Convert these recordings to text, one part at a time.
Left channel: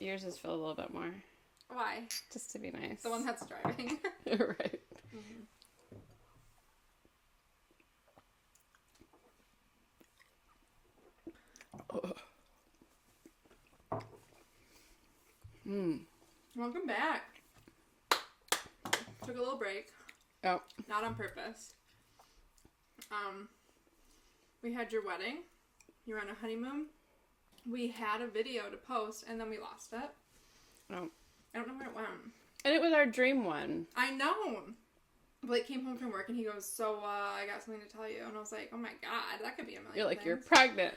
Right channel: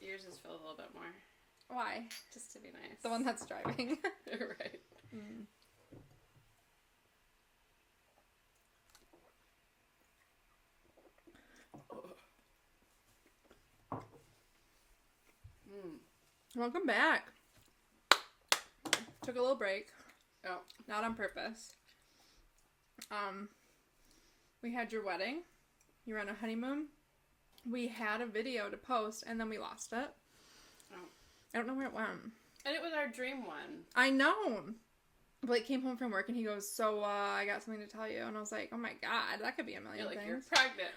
yours is filled a little bit more. Why? Just to be nice. The one that's driving. Right. Mm. Welcome back. Took a little break. Oh. Not on purpose. We had your wedding. You were on a honeymoon. We had a video to post, and then we lost it. Oh. I don't know where it went. And it was our dream one. I know. Blake came home from work, and he goes, so, I got something to tell you. And I was like, oh my god, that could be a million You're like, things. you're pregnant.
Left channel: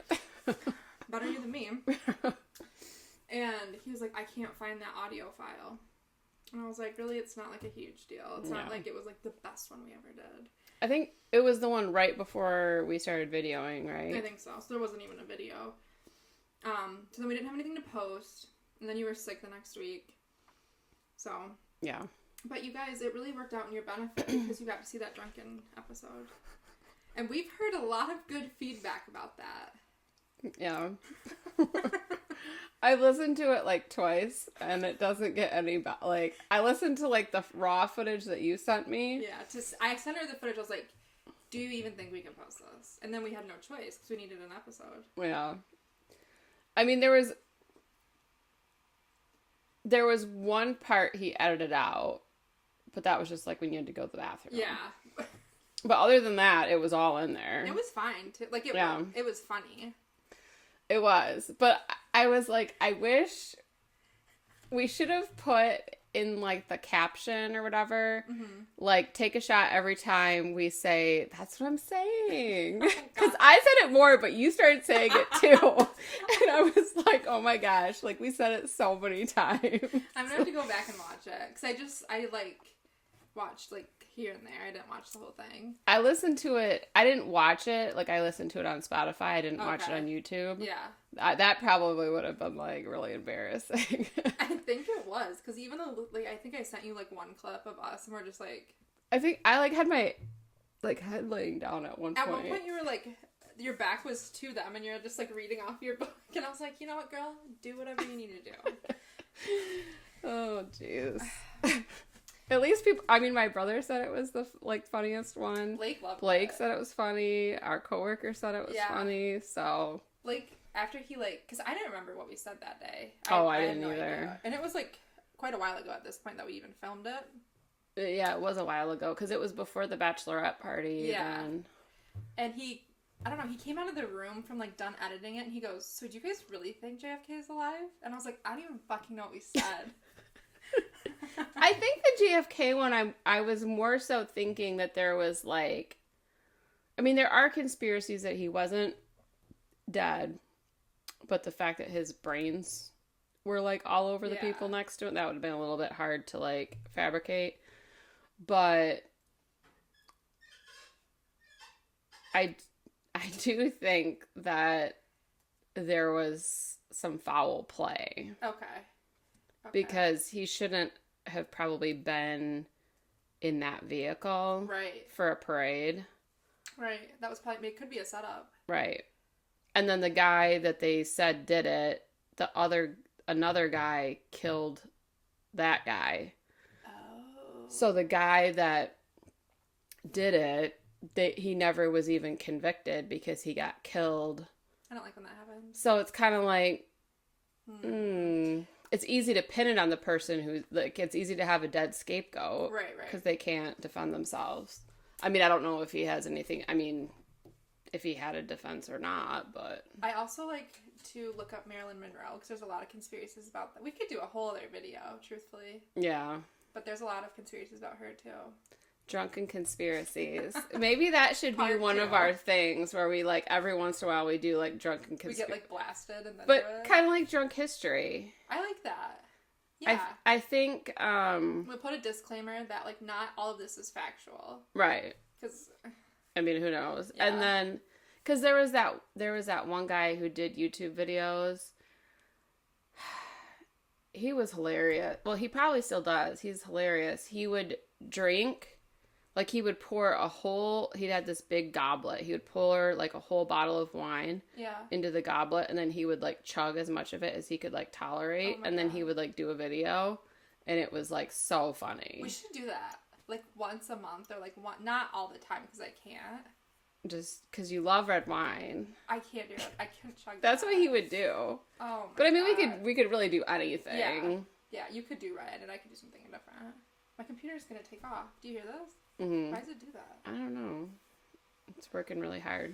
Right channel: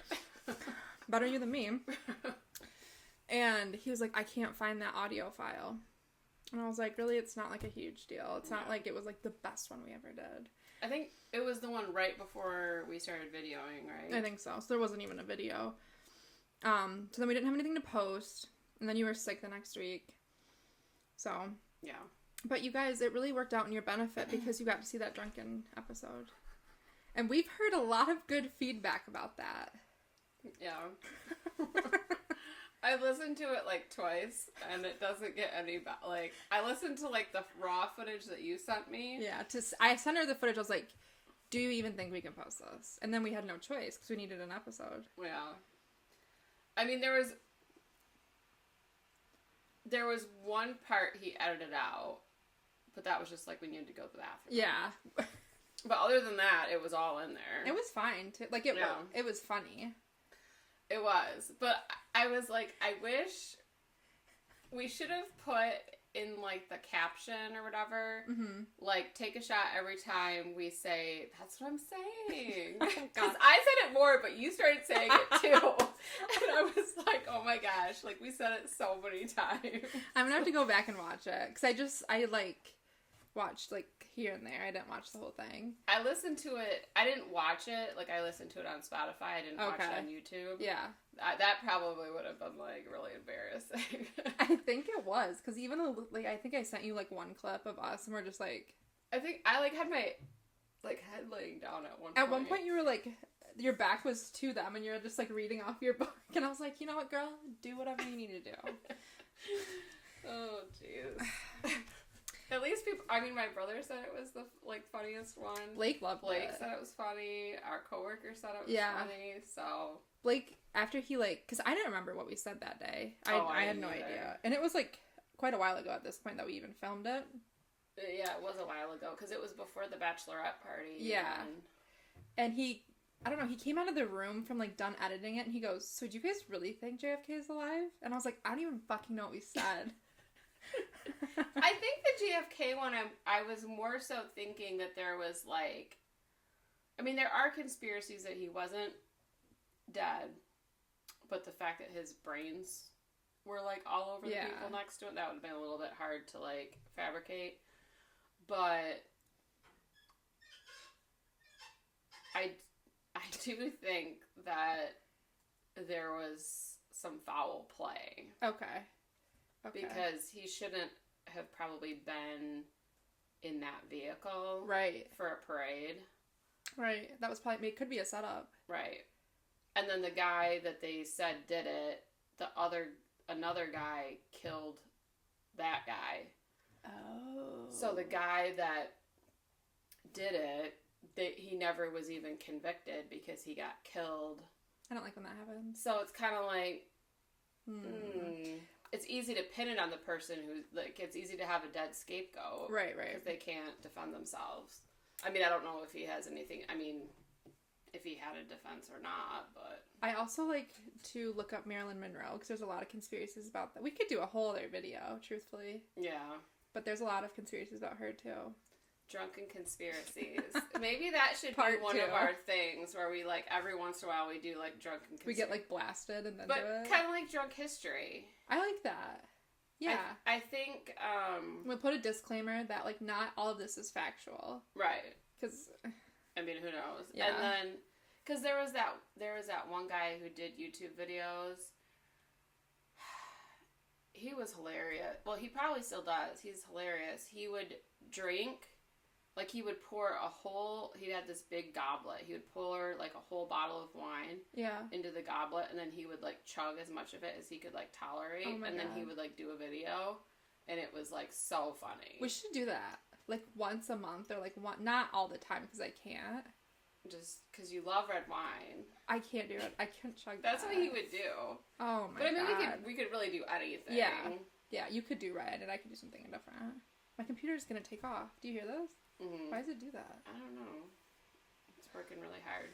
Better you than me. And he was like, I can't find that audio file. And I was like, really? It's not like a huge deal. It's not like it was like the best one we ever did. I think it was the one right before we started videoing, right? I think so. So there wasn't even a video. So then we didn't have anything to post. And then you were sick the next week. So. Yeah. But you guys, it really worked out in your benefit because you got to see that drunken episode. And we've heard a lot of good feedback about that. Yeah. I listened to it like twice, and it doesn't get any like, I listened to like the raw footage that you sent me. Yeah, I sent her the footage. I was like, do you even think we can post this? And then we had no choice because we needed an episode. Yeah. I mean, there was one part he edited out, but that was just like when you had to go to the bathroom. Yeah. But other than that, it was all in there. It was fine too. Like it was funny. It was. But I was like, I wish we should have put in like the caption or whatever, like take a shot every time we say, that's what I'm saying. Because I said it more, but you started saying it too. And I was like, oh my gosh, like we said it so many times. I'm gonna have to go back and watch it. Because I like watched like here and there. I didn't watch the whole thing. I listened to it. I didn't watch it. Like I listened to it on Spotify. I didn't watch it on YouTube. Yeah. That probably would have been like really embarrassing. I think it was. Because even though, like, I think I sent you like one clip of us and we're just like. I think I like had my like head laying down at one point. At one point you were like, your back was to them and you're just like reading off your book. And I was like, you know what, girl? Do whatever you need to do. Oh, jeez. At least people, I mean, my brother said it was the, like, funniest one. Blake loved it. Blake said it was funny. Our coworker said it was funny, so. Blake, after he, like, because I didn't remember what we said that day. I had didn't no either. idea. And it was, like, quite a while ago at this point that we even filmed it. Yeah, it was a while ago, because it was before the bachelorette party. Yeah. And he, I don't know, he came out of the room from, like, done editing it, and he goes, so do you guys really think JFK is alive? And I was like, I don't even fucking know what we said. I think the JFK one, I was more so thinking that there was, like, I mean, there are conspiracies that he wasn't dead, but the fact that his brains were, like, all over the people next to him, that would have been a little bit hard to, like, fabricate. But I do think that there was some foul play. Okay. Because he shouldn't have probably been in that vehicle. Right. For a parade. Right. That was probably, it could be a setup. Right. And then the guy that they said did it, another guy killed that guy. Oh. So the guy that did it, he never was even convicted because he got killed. I don't like when that happens. So it's kind of like, it's easy to pin it on the person who, like, it's easy to have a dead scapegoat. Right. Because they can't defend themselves. I mean, I don't know if he has anything, I mean, if he had a defense or not, but. I also like to look up Marilyn Monroe, because there's a lot of conspiracies about that. We could do a whole other video, truthfully. Yeah. But there's a lot of conspiracies about her, too. Drunken conspiracies. Maybe that should be one of our things where we, like, every once in a while we do, like, drunken conspiracies. We get, like, blasted and then but do it. kind of like drunk history. I like that. Yeah. I think, we'll put a disclaimer that, like, not all of this is factual. Right. Because. I mean, who knows? Yeah. And then, because there was that one guy who did YouTube videos. He was hilarious. Well, he probably still does. He's hilarious. He would drink, Like, he would pour he'd had this big goblet. He would pour, like, a whole bottle of wine into the goblet, and then he would, like, chug as much of it as he could, like, tolerate. And then he would, like, do a video, and it was, like, so funny. We should do that, like, once a month, or, like, not all the time, because I can't. Just because you love red wine. I can't do it. I can't chug That's what he would do. Oh, my God. But, I mean, we could really do anything. Yeah, you could do red, and I could do something different. My computer's going to take off. Do you hear this? Mm-hmm. Why does it do that? I don't know. It's working really hard.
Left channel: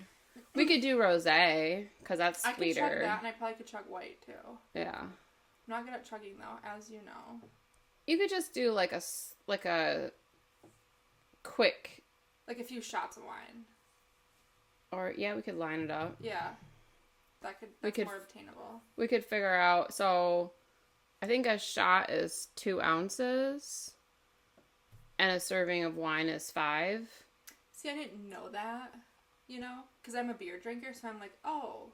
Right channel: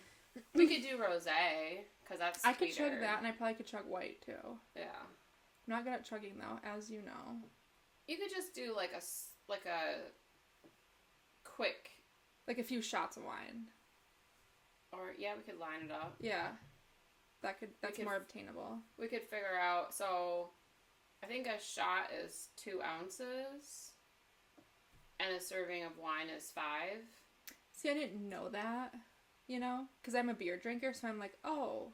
We could do rosé, because that's sweeter. I could chug that, and I probably could chug white, too. Yeah. I'm not good at chugging, though, as you know. You could just do, like a quick... Like a few shots of wine. Or, yeah, we could line it up. Yeah. That's more obtainable. We could figure out, so... I think a shot is 2 ounces. And a serving of wine is 5. See, I didn't know that, you know? Because I'm a beer drinker, so I'm like, oh,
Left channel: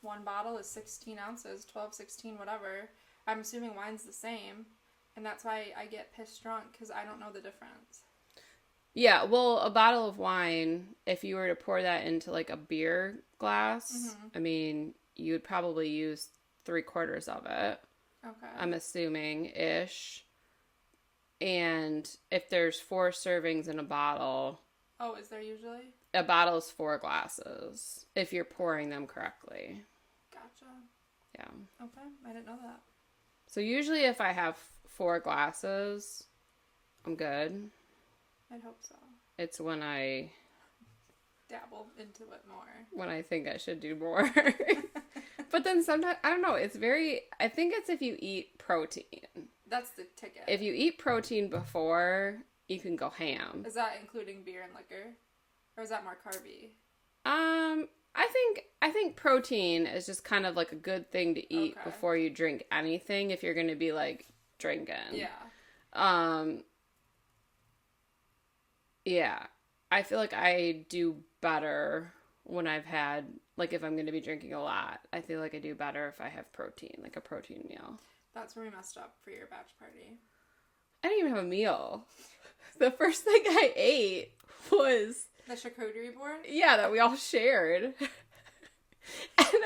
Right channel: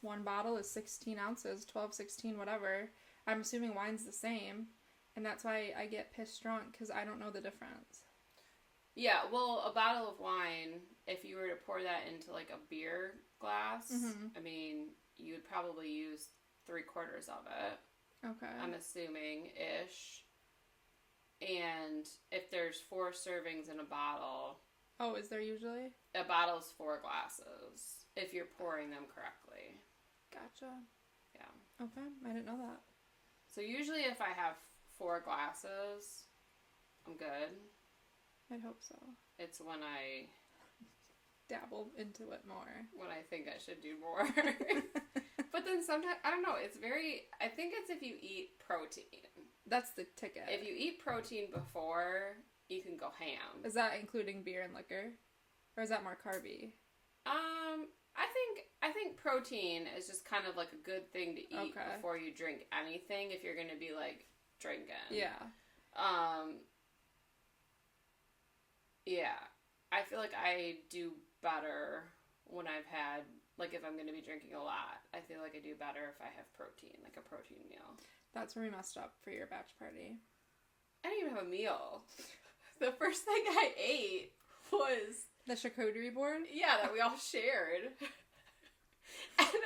1 bottle is 16 ounces, 12, 16, whatever. I'm assuming wine's the same. And that's why I get pissed drunk, because I don't know the difference. Yeah, well, a bottle of wine, if you were to pour that into, like, a beer glass, I mean, you would probably use 3/4 of it. Okay. I'm assuming-ish. And if there's 4 servings in a bottle... Oh, is there usually? A bottle is 4 glasses, if you're pouring them correctly. Gotcha. Yeah. Okay, I didn't know that. So usually if I have 4 glasses, I'm good. I'd hope so. It's when I... dabble into it more. When I think I should do more. But then sometimes, I don't know, I think it's if you eat protein. That's the ticket. If you eat protein before, you can go ham. Is that including beer and liquor? Or is that more carby? I think protein is just kind of like a good thing to eat before you drink anything if you're going to be like drinking. Yeah. Yeah. I feel like I do better when I've had, like, if I'm going to be drinking a lot. I feel like I do better if I have protein, like a protein meal. That's where we messed up for your batch party. I didn't even have a meal. The first thing I ate was... The charcuterie board? Yeah, that we all shared.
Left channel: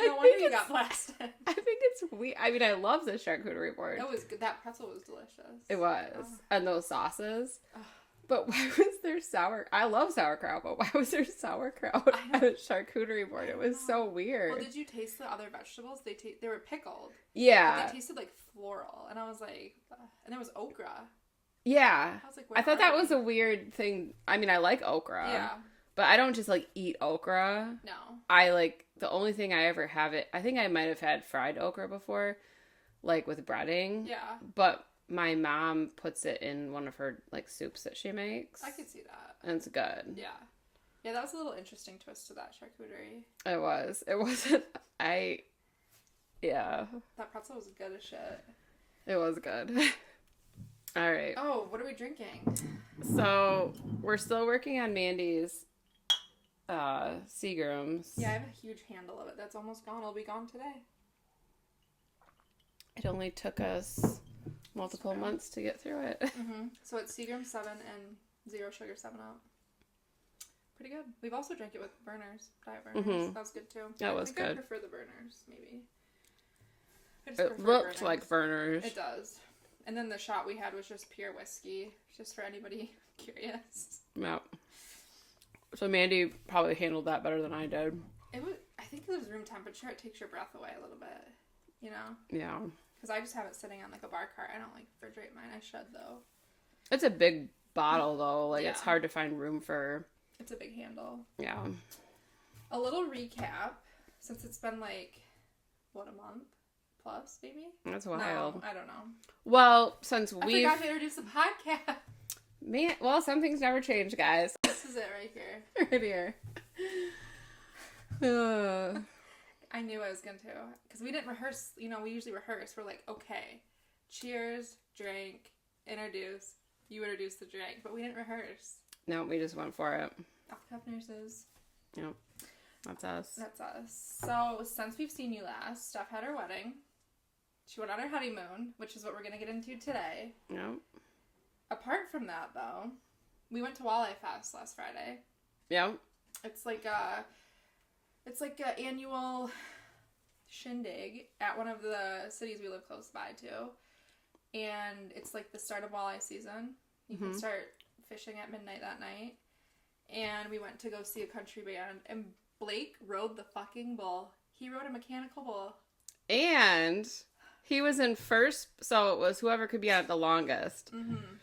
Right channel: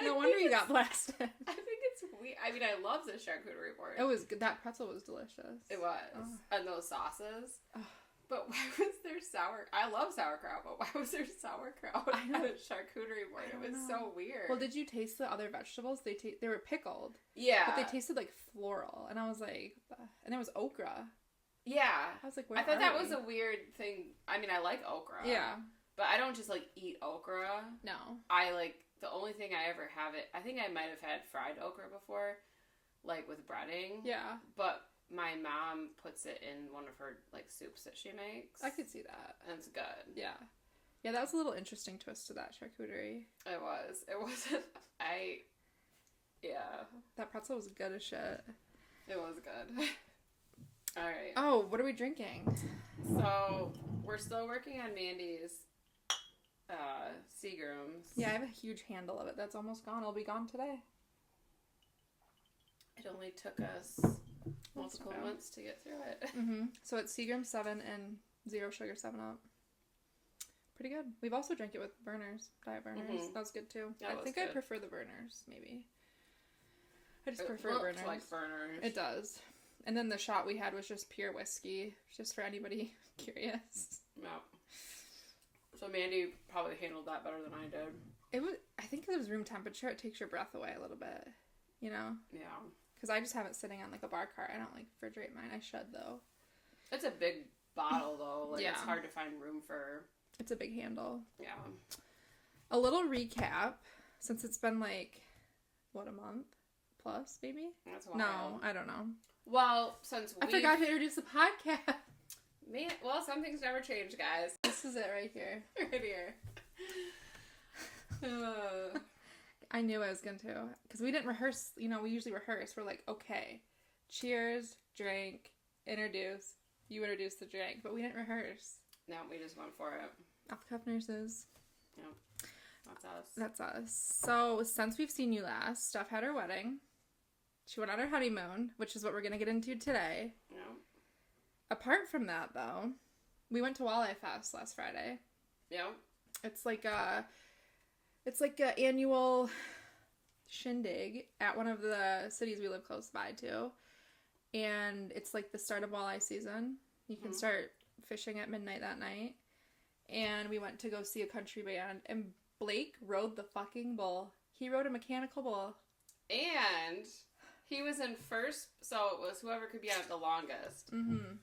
No wonder you got blasted. I think it's weird. I mean, I love the charcuterie board. It was good. That pretzel was delicious. It was. Oh. And those sauces. Oh. But why was there I love sauerkraut, but why was there sauerkraut on the charcuterie board? It was so weird. Well, did you taste the other vegetables? They were pickled. Yeah. But they tasted like floral. And I was like, and it was okra. Yeah. I was like, I thought that was a weird thing. I mean, I like okra. Yeah. But I don't just, like, eat okra. No. I, like, the only thing I ever have I think I might have had fried okra before, like, with breading. Yeah. But my mom puts it in one of her, like, soups that she makes. I could see that. And it's good. Yeah. Yeah, that was a little interesting twist to that charcuterie. It was. It wasn't... Yeah. That pretzel was good as shit. It was good. All right. Oh, what are we drinking? So, we're still working on Mandy's Seagrams. Yeah, I have a huge handle of it that's almost gone. It'll be gone today. It only took us multiple months to get through it. Mm-hmm. So it's Seagram 7 and 0 sugar 7-Up. Pretty good. We've also drank it with burners, diet burners. Mm-hmm. That was good too. That was good. I prefer the burners, maybe. I just prefer burners. It looked like burners. It does. And then the shot we had was just pure whiskey, just for anybody curious. Yeah. So Mandy probably handled that better than I did. I think it was room temperature. It takes your breath away a little bit, you know? Yeah. Because I just have it sitting on, like, a bar cart. I don't, like, refrigerate mine. I should, though. It's a big bottle, though. Like, It's hard to find room for... It's a big handle. Yeah. A little recap, since it's been, like, what, a month? Plus, maybe? That's wild. No, I don't know. Well, since I forgot to introduce the podcast. Well, some things never change, guys. This is it right here. Right here. I knew I was going to. Because we didn't rehearse. You know, we usually rehearse. We're like, okay, cheers, drink, introduce. You introduce the drink. But we didn't rehearse. No, we just went for it. OffTheCuffNurses. Yep. That's us. That's us. So, since we've seen you last, Steph had her wedding. She went on her honeymoon, which is what we're going to get into today. Yep. Apart from that, though, We went to Walleye Fest last Friday. Yeah. It's like a annual shindig at one of the cities we live close by to. And it's like the start of walleye season. You can start fishing at midnight that night. And we went to go see a country band. And Blake rode the fucking bull. He rode a mechanical bull. And he was in first, so it was whoever could be on it the longest. Mm-hmm.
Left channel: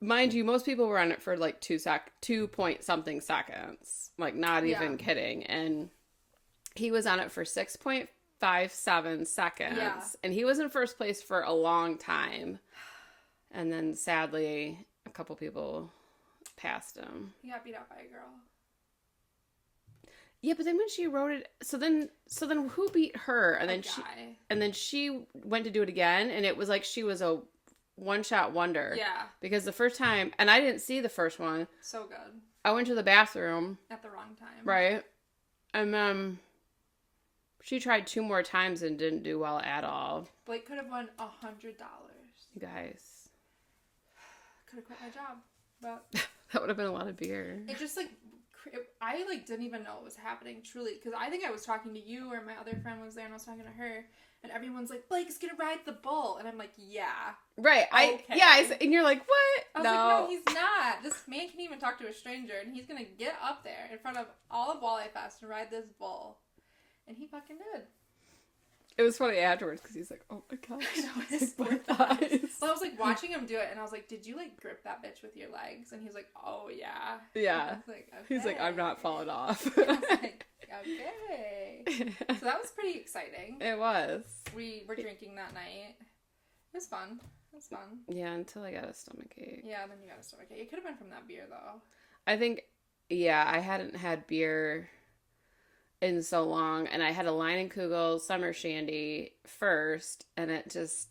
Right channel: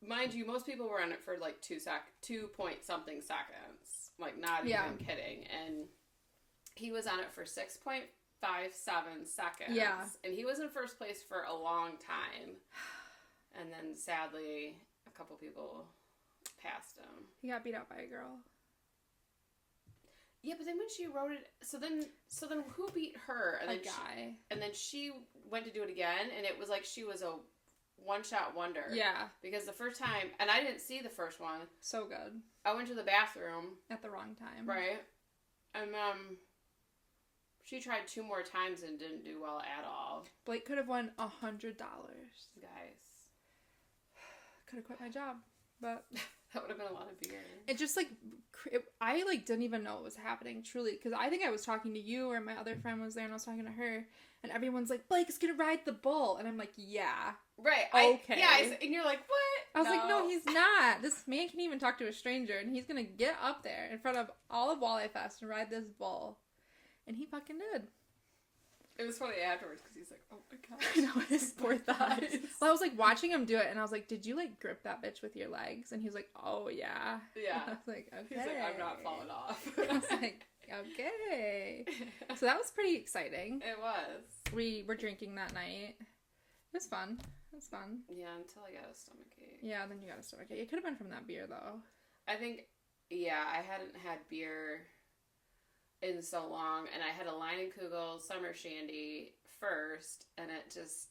Mind you, most people were on it for like 2 point something seconds. Like, not even kidding. And he was on it for 6.57 seconds. Yeah. And he was in first place for a long time. And then, sadly, a couple people passed him. He got beat up by a girl. Yeah, but then when she rode it, so then who beat her? And then guy. And then she went to do it again, and it was like she was a one-shot wonder. Yeah. Because the first time, and I didn't see the first one. So good. I went to the bathroom. At the wrong time. Right. And then she tried 2 more times and didn't do well at all. Blake could have won $100. You guys. Could have quit my job, but... That would have been a lot of beer. It just, like, I, like, didn't even know what was happening, truly. Because I think I was talking to you, or my other friend was there, and I was talking to her. And everyone's like, Blake is going to ride the bull. And I'm like, yeah. Right. Okay. And you're like, what? I was like, no, he's not. This man can even talk to a stranger. And he's going to get up there in front of all of Walleye Fest and ride this bull. And he fucking did. It was funny afterwards because he's like, oh my gosh. I know, his poor thighs. Well, I was like watching him do it, and I was like, did you like grip that bitch with your legs? And he was like, oh yeah. Yeah. I was like, okay. He's like, I'm not falling off. I was like, okay. So that was pretty exciting. It was. We were drinking that night. It was fun. Yeah, until I got a stomachache. Yeah, then you got a stomachache. It could have been from that beer, though. I think, yeah, I hadn't had beer in so long, and I had a Leinenkugel summer shandy first, and it just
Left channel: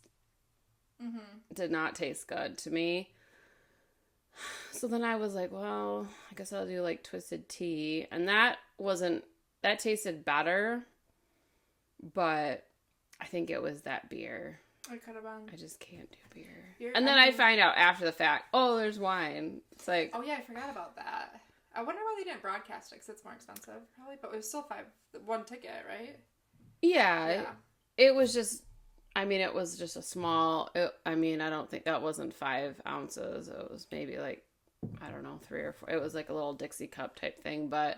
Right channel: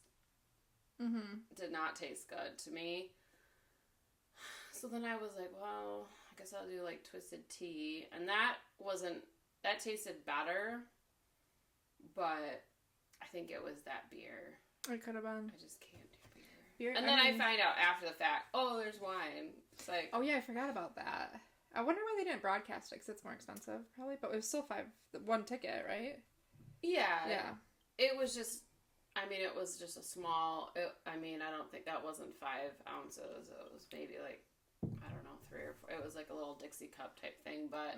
did not taste good to me. So then I was like, well, I guess I'll do like twisted tea, and that tasted better, but I think it was that beer. It could have been. I just can't do beer. And then I find out after the fact, oh, there's wine. It's like, oh yeah, I forgot about that. I wonder why they didn't broadcast it, because it's more expensive, probably. But it was still one ticket, right? Yeah. It was just, it was just a small, I don't think that wasn't 5 ounces. It was maybe like, I don't know, 3 or 4. It was like a little Dixie cup type thing, but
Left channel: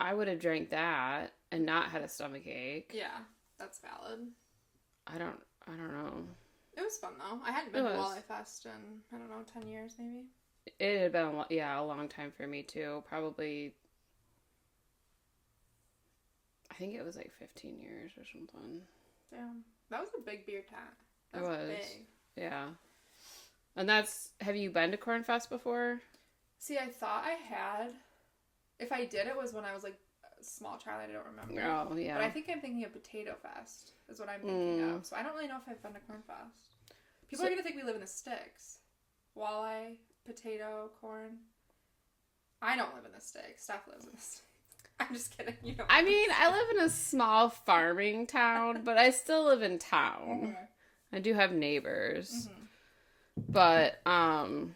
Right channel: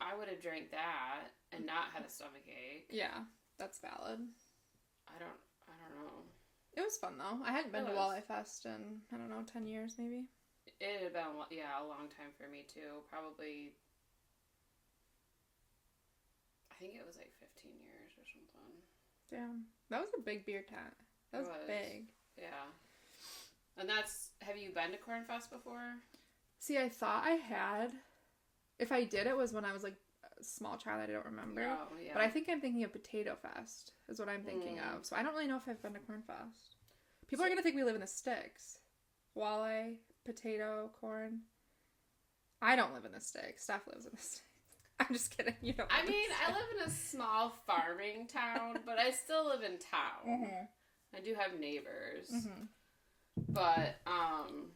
I would have drank that and not had a stomachache. Yeah, that's valid. I don't know. It was fun, though. I hadn't been to Walleye Fest in, 10 years, maybe. It had been, a long time for me, too. Probably, I think it was like 15 years or something. Damn. That was a big beer tent. That was big. Yeah. And have you been to Cornfest before? See, I thought I had. If I did, it was when I was like a small child. I don't remember. Oh, yeah. But I think I'm thinking of Potato Fest is what I'm thinking of. So I don't really know if I've been to Cornfest. People are going to think we live in the sticks. Walleye, potato, corn. I don't live in the sticks. Steph lives in the sticks. I'm just kidding. You don't. I live in a small farming town, but I still live in town. I do have neighbors. But I'm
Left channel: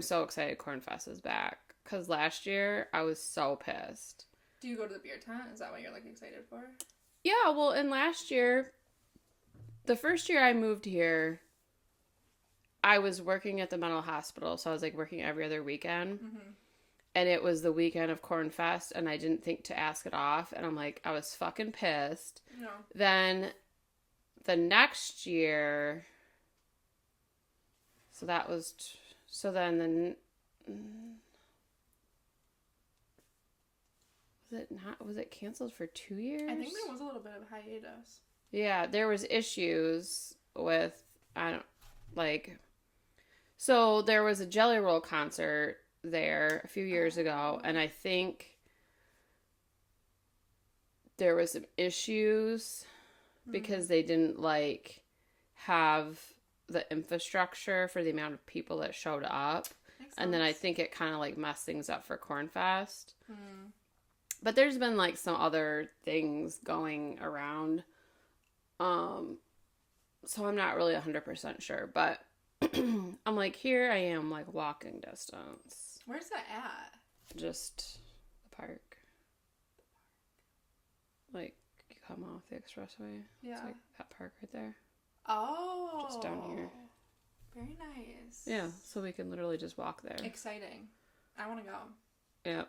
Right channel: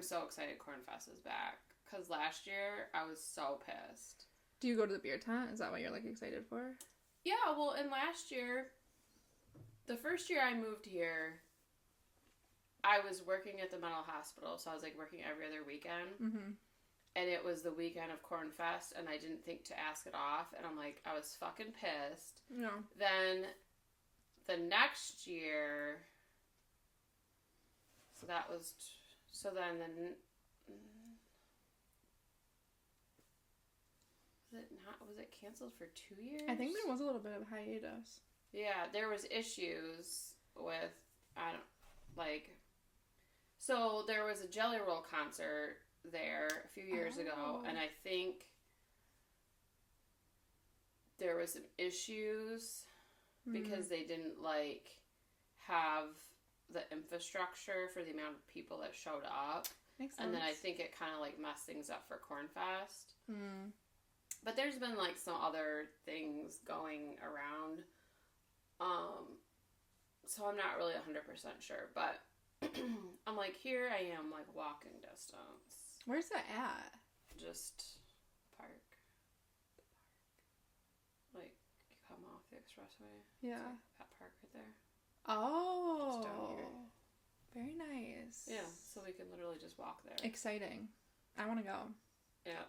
so excited Cornfest is back. Because last year, I was so pissed. Do you go to the beer tent? Is that what you're, like, excited for? Yeah, well, and last year, the first year I moved here, I was working at the mental hospital, so I was, like, working every other weekend. And it was the weekend of Cornfest, and I didn't think to ask it off, and I'm like, I was fucking pissed. No. Then, the next year, was it canceled for 2 years? I think there was a little bit of hiatus. Yeah, there was issues with, so there was a Jelly Roll concert there a few years ago, and I think there was some issues because they didn't, have the infrastructure for the amount of people that showed up. Makes sense. And then I think it kind of, messed things up for Cornfest. But there's been, some other things going around. So I'm not really 100% sure. But I'm like, here I am, like, walking distance. Where's that at? Just the park. Like, you come off the expressway. Yeah. It's like that park right there. Oh. Just down here. Very nice. Yeah, so we can literally just walk there. Exciting. I want to go. Yeah.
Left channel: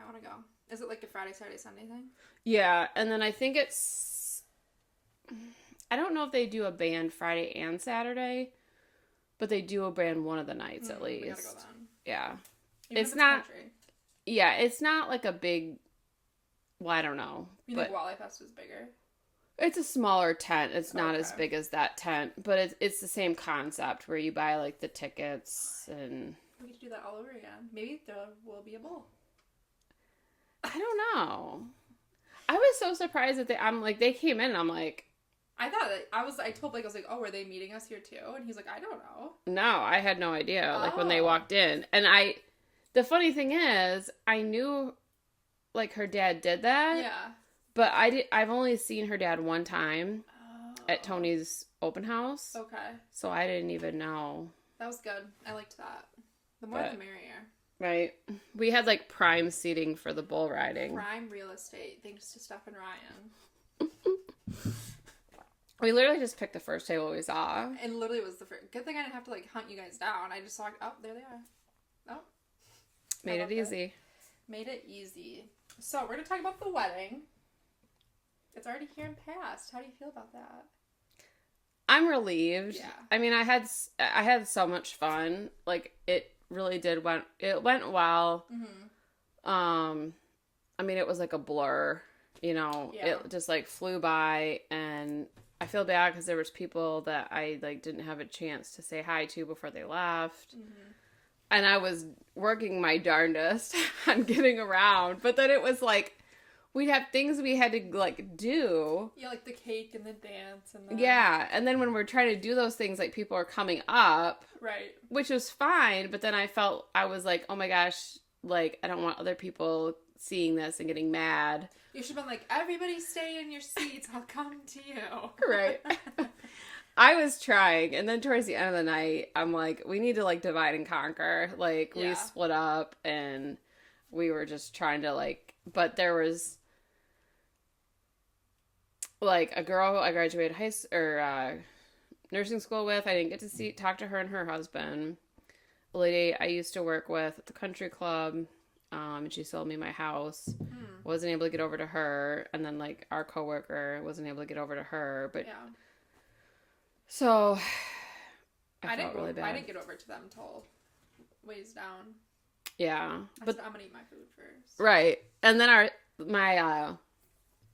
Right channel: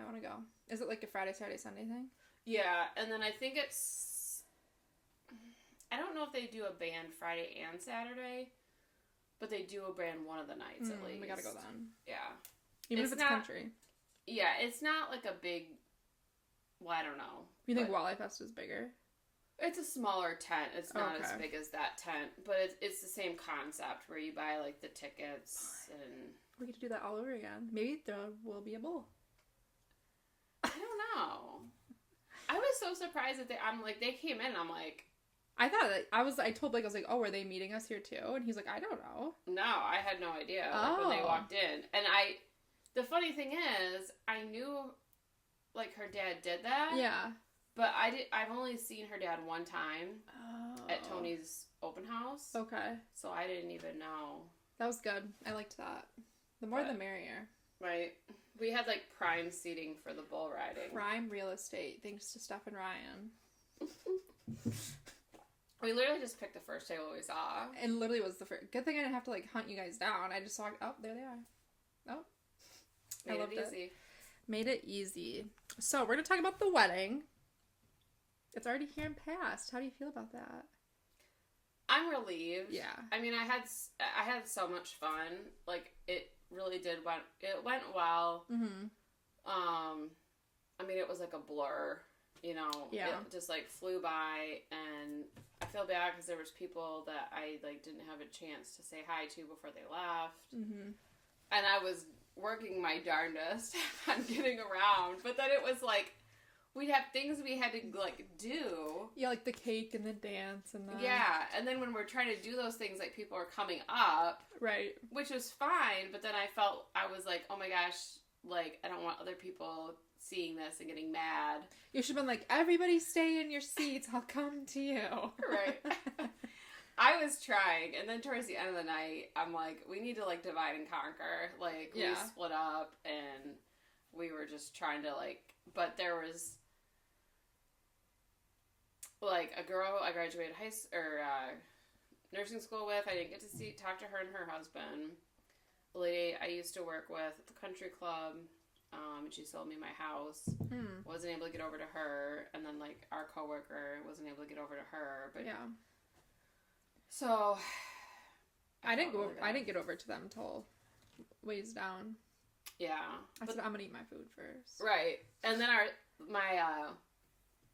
I want to go. Is it like a Friday, Saturday, Sunday thing? Yeah, and then I think it's... I don't know if they do a band Friday and Saturday, but they do a band one of the nights at least. We gotta go then. Yeah. Even It's if not... country. Yeah, it's not like a big... Well, I don't know. You think Walleye Fest is bigger? It's a smaller tent. It's not as Okay. big as that tent, but it's the same concept where you buy, like, the tickets and... We get to do that all over again. Maybe there will be a bowl. I don't know. I was so surprised that they came in and I'm like... I thought, I told Blake, I was like, oh, were they meeting us here too? And he's like, I don't know. No, I had no idea, like, when they Oh. walked in. And the funny thing is, I knew, like, her dad did that. Yeah. But I've only seen her dad one time at Tony's open house. Okay. So I didn't even know. That was good. I liked that. The more the merrier. Right. We had, like, prime seating for the bull riding. Prime real estate, thanks to Steph and Ryan. We literally just picked the first table we saw. And literally was the first. Good thing I didn't have to, like, hunt you guys down. I just saw, oh, there they are. Oh. Made it easy. Made it easy. So, we're going to talk about the wedding. It's already here and past. How do you feel about that? I'm relieved. Yeah. I mean, I had so much fun. Like, it really went well. Mm-hmm. I mean, it was like a blur, you know. Yeah. It just, like, flew by, and I feel bad because there was people that I, like, didn't have a chance to say hi to before they left. Mm-hmm. And I was working my darndest on getting around, but then it was like, we'd have things we had to, like, do. Yeah, like the cake and the dance and the... Yeah, and then when we're trying to do those things, like, people are coming up. Right. Which was fine, but then I was like, oh my gosh, like, I don't want other people seeing this and getting mad. You should have been like, everybody stay in your seats, I'll come to you. Right. I was trying, and then towards the end of the night, I'm like, we need to, like, divide and conquer. Like, we split up, and we were just trying to, like, but there was... like, a girl I graduated nursing school with. I didn't get to talk to her and her husband. A lady I used to work with at the country club, and she sold me my house. Wasn't able to get over to her, and then, like, our coworker wasn't able to get over to her. But yeah. So I didn't really get over to them until ways down. Yeah, but I'm gonna eat my food first. Right, and then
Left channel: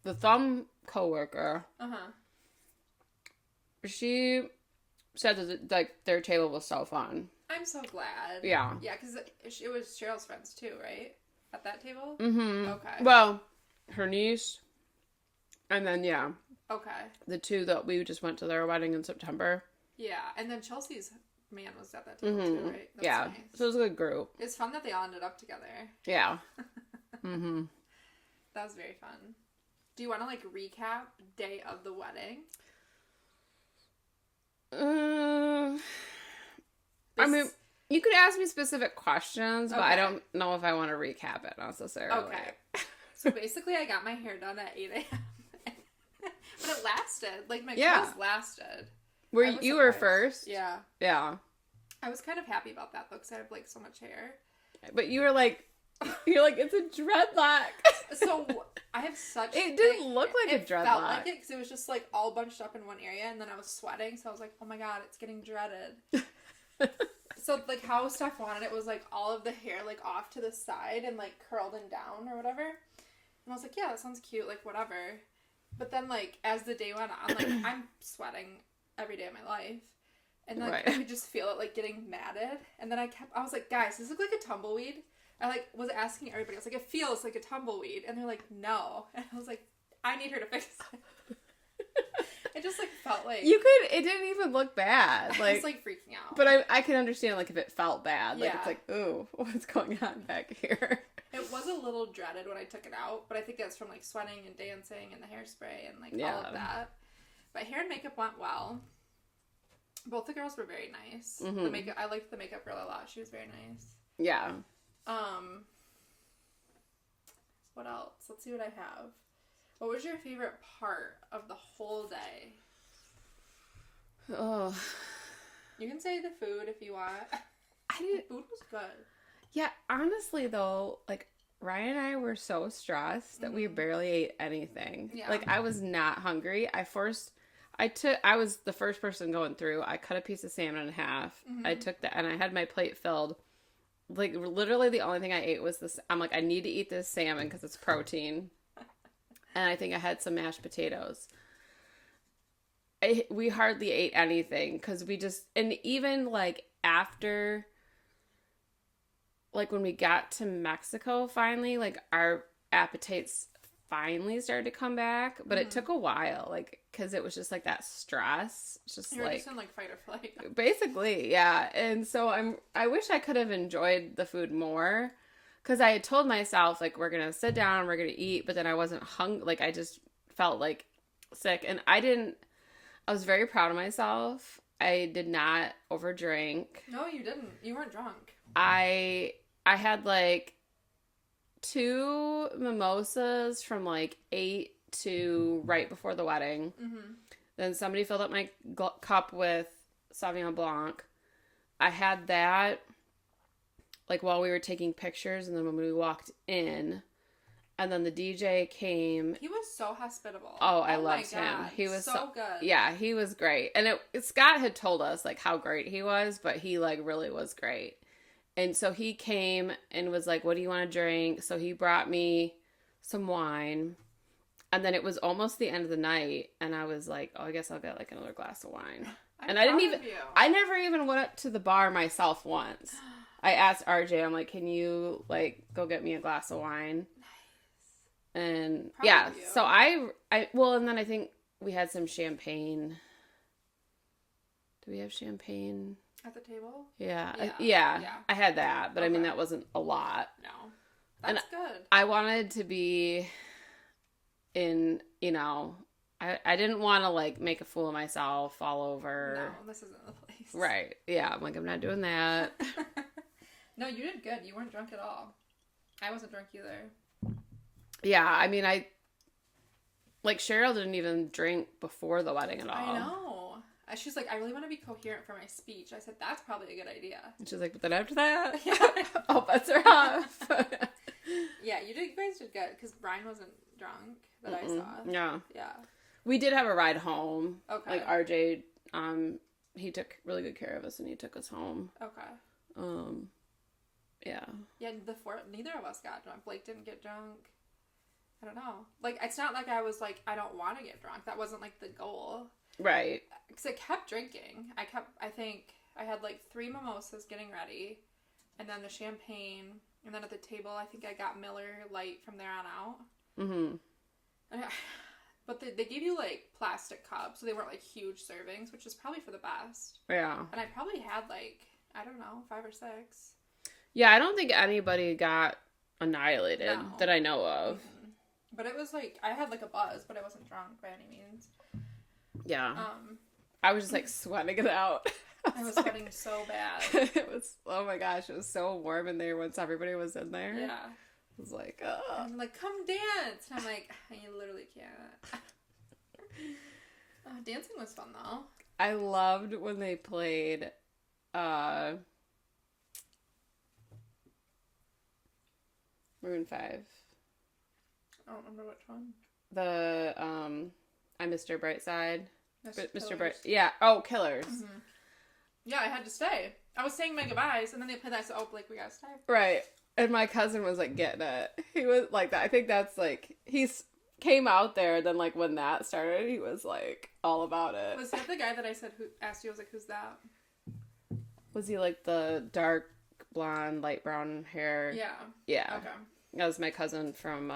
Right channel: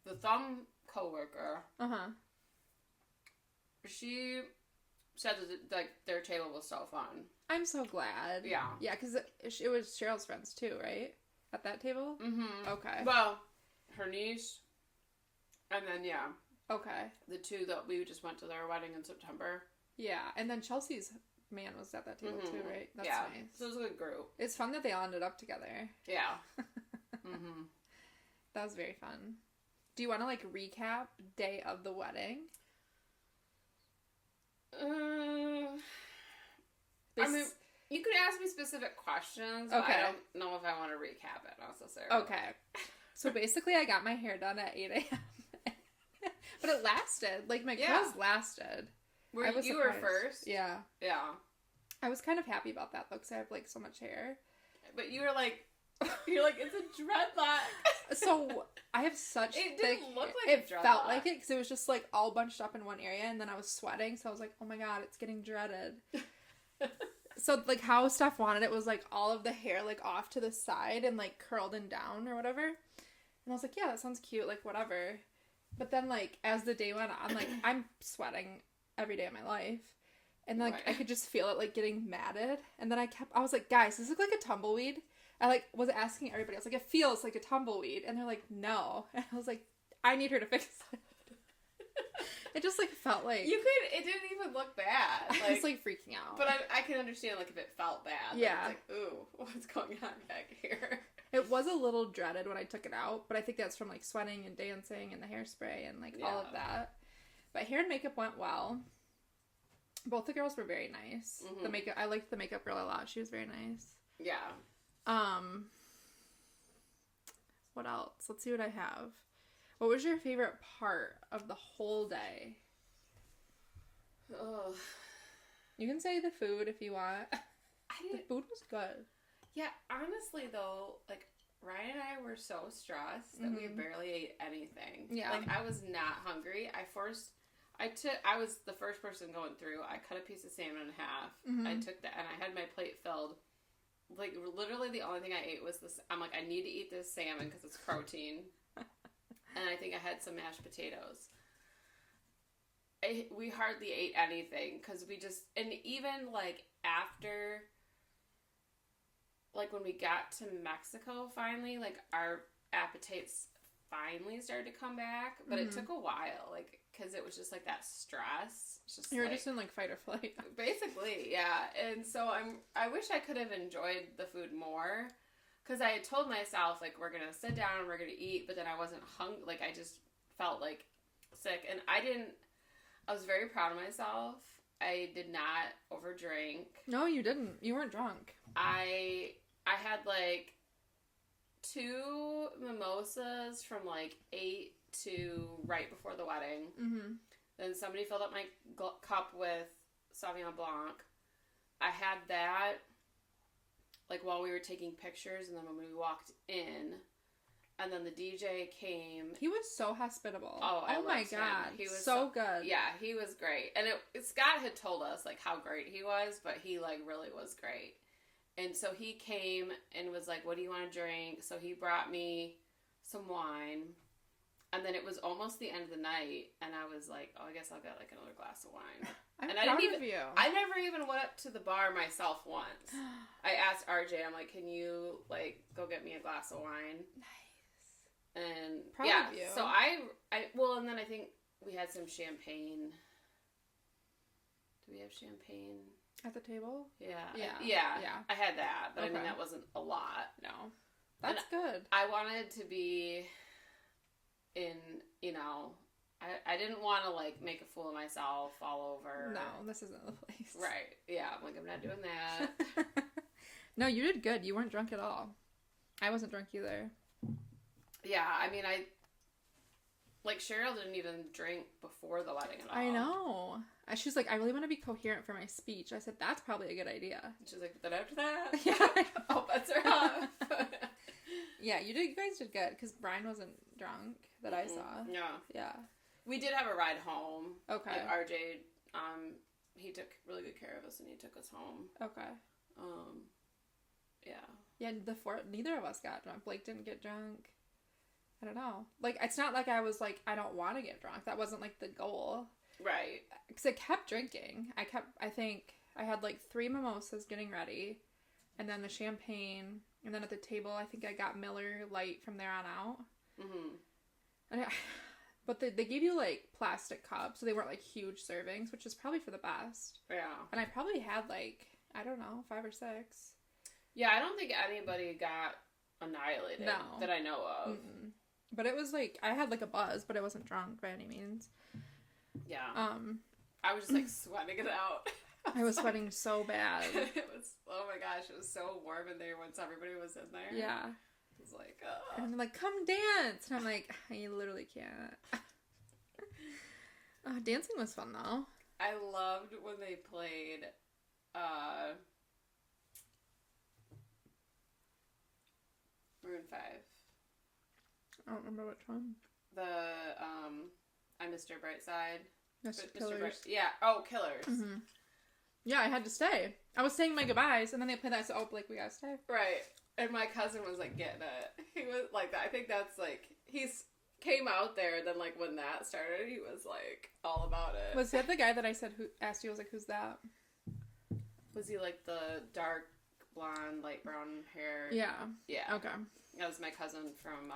the thumb coworker. She said that, like, their table was so fun. I'm so glad. Yeah. Yeah, because it was Cheryl's friends too, right? At that table? Mm-hmm. Okay. Well, her niece, and then, yeah. Okay. The two that we just went to their wedding in September. Yeah, and then Chelsea's man was at that table too, right? That's yeah. nice. So it was a good group. It's fun that they all ended up together. Yeah. Mm-hmm. That was very fun. Do you want to, like, recap day of the wedding? I mean, you could ask me specific questions, but Okay. I don't know if I want to recap it necessarily. Okay. So basically, I got my hair done at 8 a.m. But it lasted. Like, my curls lasted. You were first? Yeah. Yeah. I was kind of happy about that, though, because I have, like, so much hair. But you were like, it's a dreadlock. So I have such... It didn't look like a dreadlock. It felt like it, because it was just, like, all bunched up in one area, and then I was sweating, so I was like, oh my god, it's getting dreaded. So, like, how Steph wanted it was, like, all of the hair, like, off to the side and, like, curled and down or whatever. And I was like, yeah, that sounds cute, like, whatever. But then, like, as the day went on, like, I'm sweating every day of my life. And, like, I could just feel it, like, getting matted. And then I was like, guys, does this look like a tumbleweed? I, like, was asking everybody. I was like, it feels like a tumbleweed. And they're like, no. And I was like, I need her to fix it. It just, like, felt like... It didn't even look bad. Like, I was, like, freaking out. But I can understand, like, if it felt bad. Like, it's like, ooh, what's going on back here? It was a little dreaded when I took it out, but I think that's from, like, sweating and dancing and the hairspray and, like, all of that. But hair and makeup went well. Both the girls were very nice. Mm-hmm. The makeup, I liked the makeup girl a lot. She was very nice. Yeah. What else? Let's see what I have. What was your favorite part of the whole day? Oh. You can say the food if you want. The food was good. Yeah, honestly though, like Ryan and I were so stressed that we barely ate anything. Yeah. Like I was not hungry. I was the first person going through. I cut a piece of salmon in half. I took that and I had my plate filled. Like literally the only thing I ate was this. I'm like, I need to eat this salmon because it's protein. And I think I had some mashed potatoes. We hardly ate anything because and even like after, like when we got to Mexico finally, like our appetites finally started to come back, but it took a while, like, because it was just like that stress. It's just you were like, just in like fight or flight. Basically, yeah. And so I wish I could have enjoyed the food more, because I had told myself like we're gonna sit down, we're gonna eat, but then I wasn't hungry. Like I just felt like sick, and I was very proud of myself. I did not overdrink. No, you didn't. You weren't drunk. I had like 2 mimosas from like 8 to right before the wedding. Mm-hmm. Then somebody filled up my cup with Sauvignon Blanc. I had that like while we were taking pictures, and then when we walked in, and then the DJ came. He was so hospitable. Oh, I loved him. He was so good. Yeah, he was great. And Scott had told us like how great he was, but he like really was great. And so he came and was like, what do you want to drink? So he brought me some wine. And then it was almost the end of the night. And I was like, oh, I guess I'll get like another glass of wine. I never even went up to the bar myself once. I asked RJ, I'm like, can you like go get me a glass of wine? Nice. And so and then I think we had some champagne. Do we have champagne? At the table? Yeah. I had that, but okay. I mean, that wasn't a lot. No. That's good. I wanted to be in, I didn't want to, like, make a fool of myself, fall over. No, this isn't the place. Right. Yeah, I'm like, I'm not doing that. No, you did good. You weren't drunk at all. I wasn't drunk either. Yeah, I mean, Cheryl didn't even drink before the wedding at all. I know. She's like, I really want to be coherent for my speech. I said, that's probably a good idea. And she's like, but then after that, all bets are off. Yeah, you guys did good, because Brian wasn't drunk that I saw. Yeah. Yeah. We did have a ride home. Okay. Like, RJ, he took really good care of us, and he took us home. Okay. Yeah. Yeah, neither of us got drunk. Blake didn't get drunk. I don't know. Like, it's not like I was like, I don't want to get drunk. That wasn't, like, the goal. Right. Because I kept drinking. I think I had like 3 mimosas getting ready, and then the champagne, and then at the table I think I got Miller Lite from there on out. Mm-hmm. But they gave you like plastic cups, so they weren't like huge servings, which is probably for the best. Yeah. And I probably had like, I don't know, 5 or 6. Yeah, I don't think anybody got annihilated that I know of. Mm-hmm. But it was like, I had like a buzz, but I wasn't drunk by any means. Yeah. I was just like sweating it out. I was sweating so bad. It was, oh my gosh, it was so warm in there once everybody was in there. Yeah. It was like, oh. And I'm like, come dance. And I'm like, I literally can't. Dancing was fun though. I loved when they played, Maroon 5. I don't remember which one. The, I'm Mr. Brightside. Mr. Bright. Yeah. Oh, Killers. Mm-hmm. Yeah, I had to stay. I was saying my goodbyes, and then they played that. So, Blake, we gotta stay. Right. And my cousin was like getting it. He was like that. I think that's like came out there, and then like when that started, he was like all about it. Was that the guy that I said who asked you? I was like, who's that? Was he like the dark blonde, light brown hair? Yeah. Yeah. Okay. That was my cousin from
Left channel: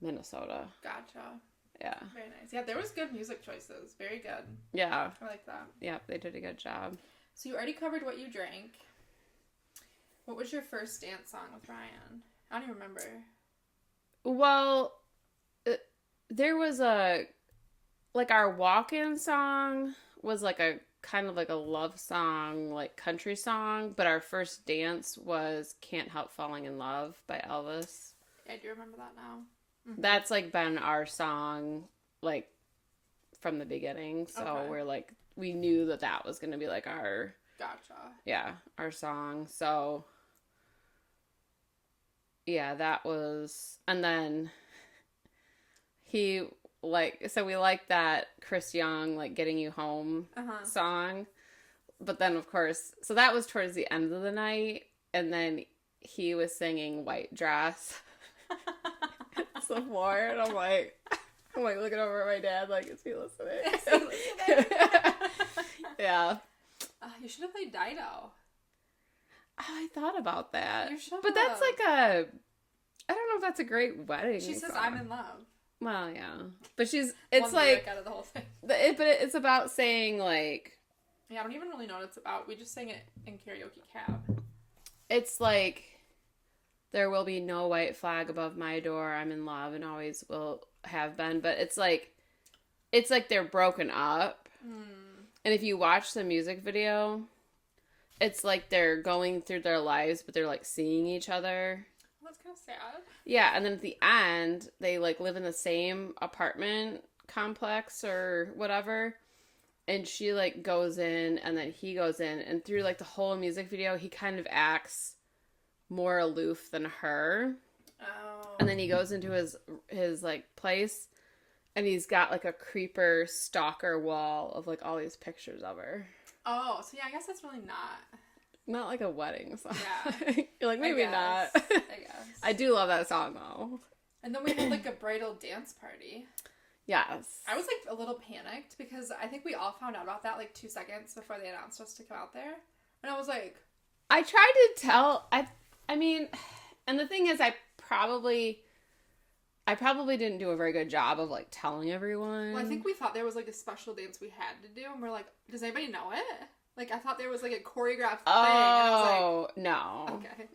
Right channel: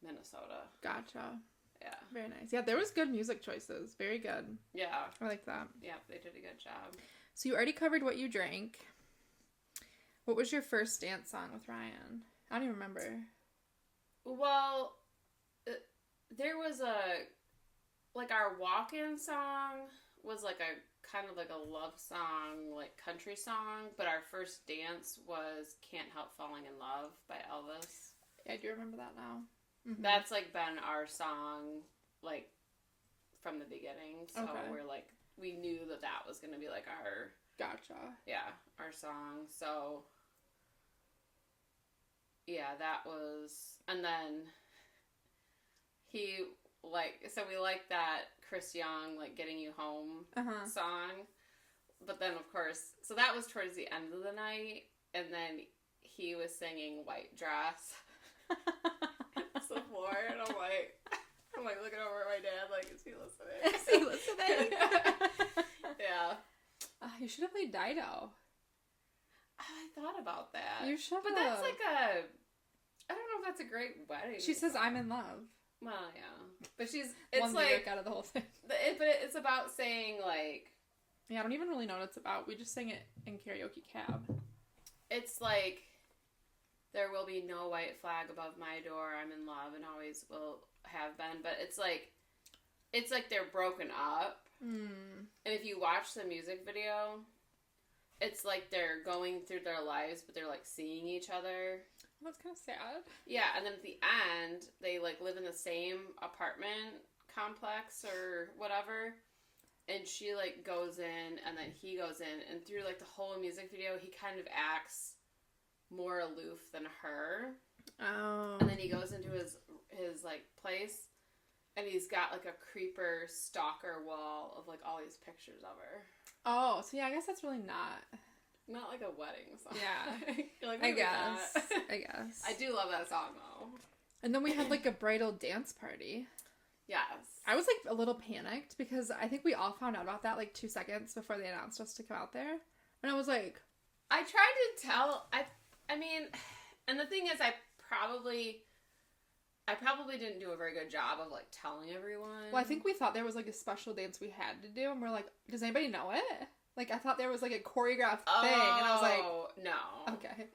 Minnesota. Gotcha. Yeah. Very nice. Yeah, there was good music choices. Very good. Yeah. I like that. Yeah, they did a good job. So you already covered what you drank. What was your first dance song with Ryan? I don't even remember. Well, there was our walk-in song was like a kind of like a love song, like country song, but our first dance was Can't Help Falling in Love by Elvis. I do remember that now. Mm-hmm. That's like been our song, like, from the beginning. So we're like, we knew that was going to be like our... Gotcha. Yeah, our song. So, yeah, that was... And then he, like... So we liked that Chris Young, like, Getting You Home song. But then, of course... So that was towards the end of the night. And then he was singing White Dress. Some more. And I'm like looking over at my dad, like, is he listening? Is he listening? Yeah. You should have played Dido. I thought about that. You should have. But that's like I don't know if that's a great wedding She says, song. I'm in love. Well, yeah. But it's one like... out of the whole thing. But it's about saying, like... Yeah, I don't even really know what it's about. We just sang it in karaoke cab. It's like, there will be no white flag above my door. I'm in love and always will have been. But it's like they're broken up. And if you watch the music video, it's like they're going through their lives, but they're like seeing each other. That's kind of sad. Yeah, and then at the end, they like live in the same apartment complex or whatever. And she like goes in, and then he goes in, and through like the whole music video, he kind of acts more aloof than her. Oh. And then he goes into his like place. And he's got, like, a creeper stalker wall of, like, all these pictures of her. Oh, so yeah, I guess that's really Not like a wedding song. Yeah. You're like, maybe not. I guess. I do love that song, though. And then we had, like, a bridal dance party. Yes. I was, like, a little panicked because I think we all found out about that, like, 2 seconds before they announced us to come out there. And I was like... I tried to tell... I mean... And the thing is, I probably didn't do a very good job of, like, telling everyone. Well, I think we thought there was, like, a special dance we had to do, and we're like, does anybody know it? Like, I thought there was, like, a choreographed thing, and I was like... no. Okay.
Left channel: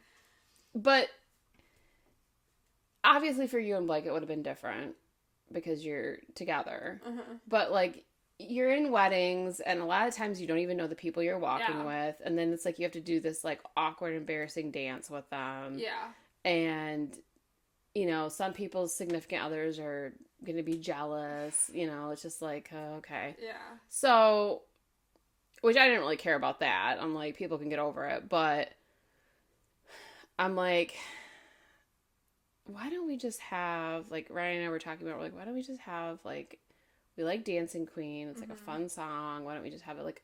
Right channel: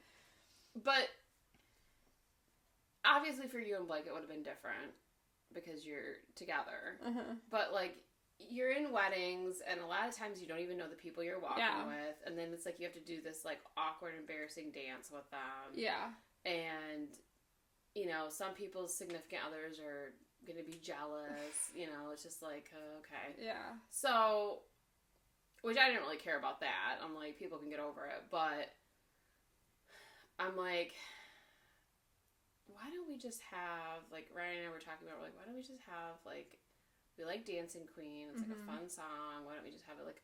But, obviously for you and Blake, it would have been different, because you're together. But, like, you're in weddings, and a lot of times you don't even know the people you're walking with, and then it's like you have to do this, like, awkward, embarrassing dance with them. Yeah. And... You know, some people's significant others are going to be jealous. You know, it's just like, oh, okay. Yeah. So, which I didn't really care about that. I'm like, people can get over it. But I'm like, why don't we just have, like, Ryan and I were talking about, we're like, why don't we just have, like, we like Dancing Queen. It's, like, a fun song. Why don't we just have it, like,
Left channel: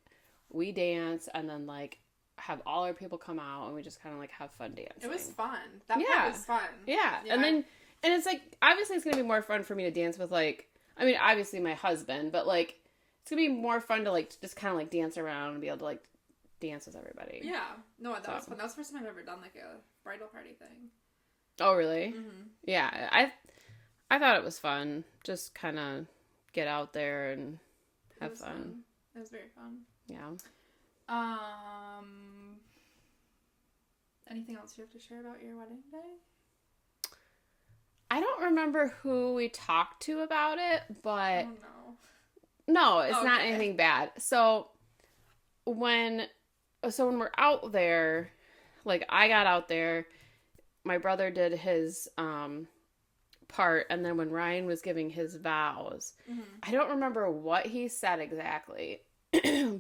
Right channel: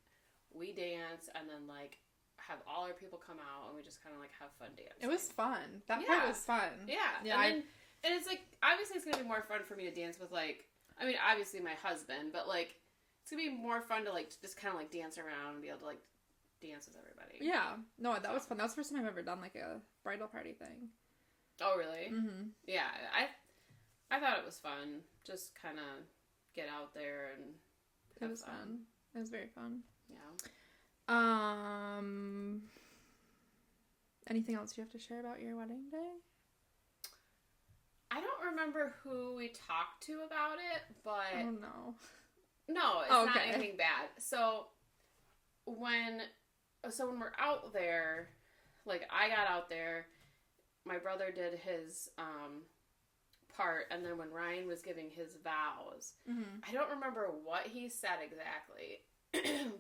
we dance and then, like, have all our people come out and we just kind of like have fun dancing. It was fun. That part was fun. Yeah. And it's like, obviously it's going to be more fun for me to dance with, like, I mean, obviously my husband, but like, it's going to be more fun to like, just kind of like dance around and be able to like dance with everybody. Yeah. No, that was fun. That was the first time I've ever done like a bridal party thing. Oh, really? Yeah. I thought it was fun. Just kind of get out there and have fun. It was very fun. Yeah. Anything else you have to share about your wedding day? I don't remember who we talked to about it, but... Oh, no, it's not anything bad. So when we're out there, like, I got out there, my brother did his, part, and then when Ryan was giving his vows, I don't remember what he said exactly,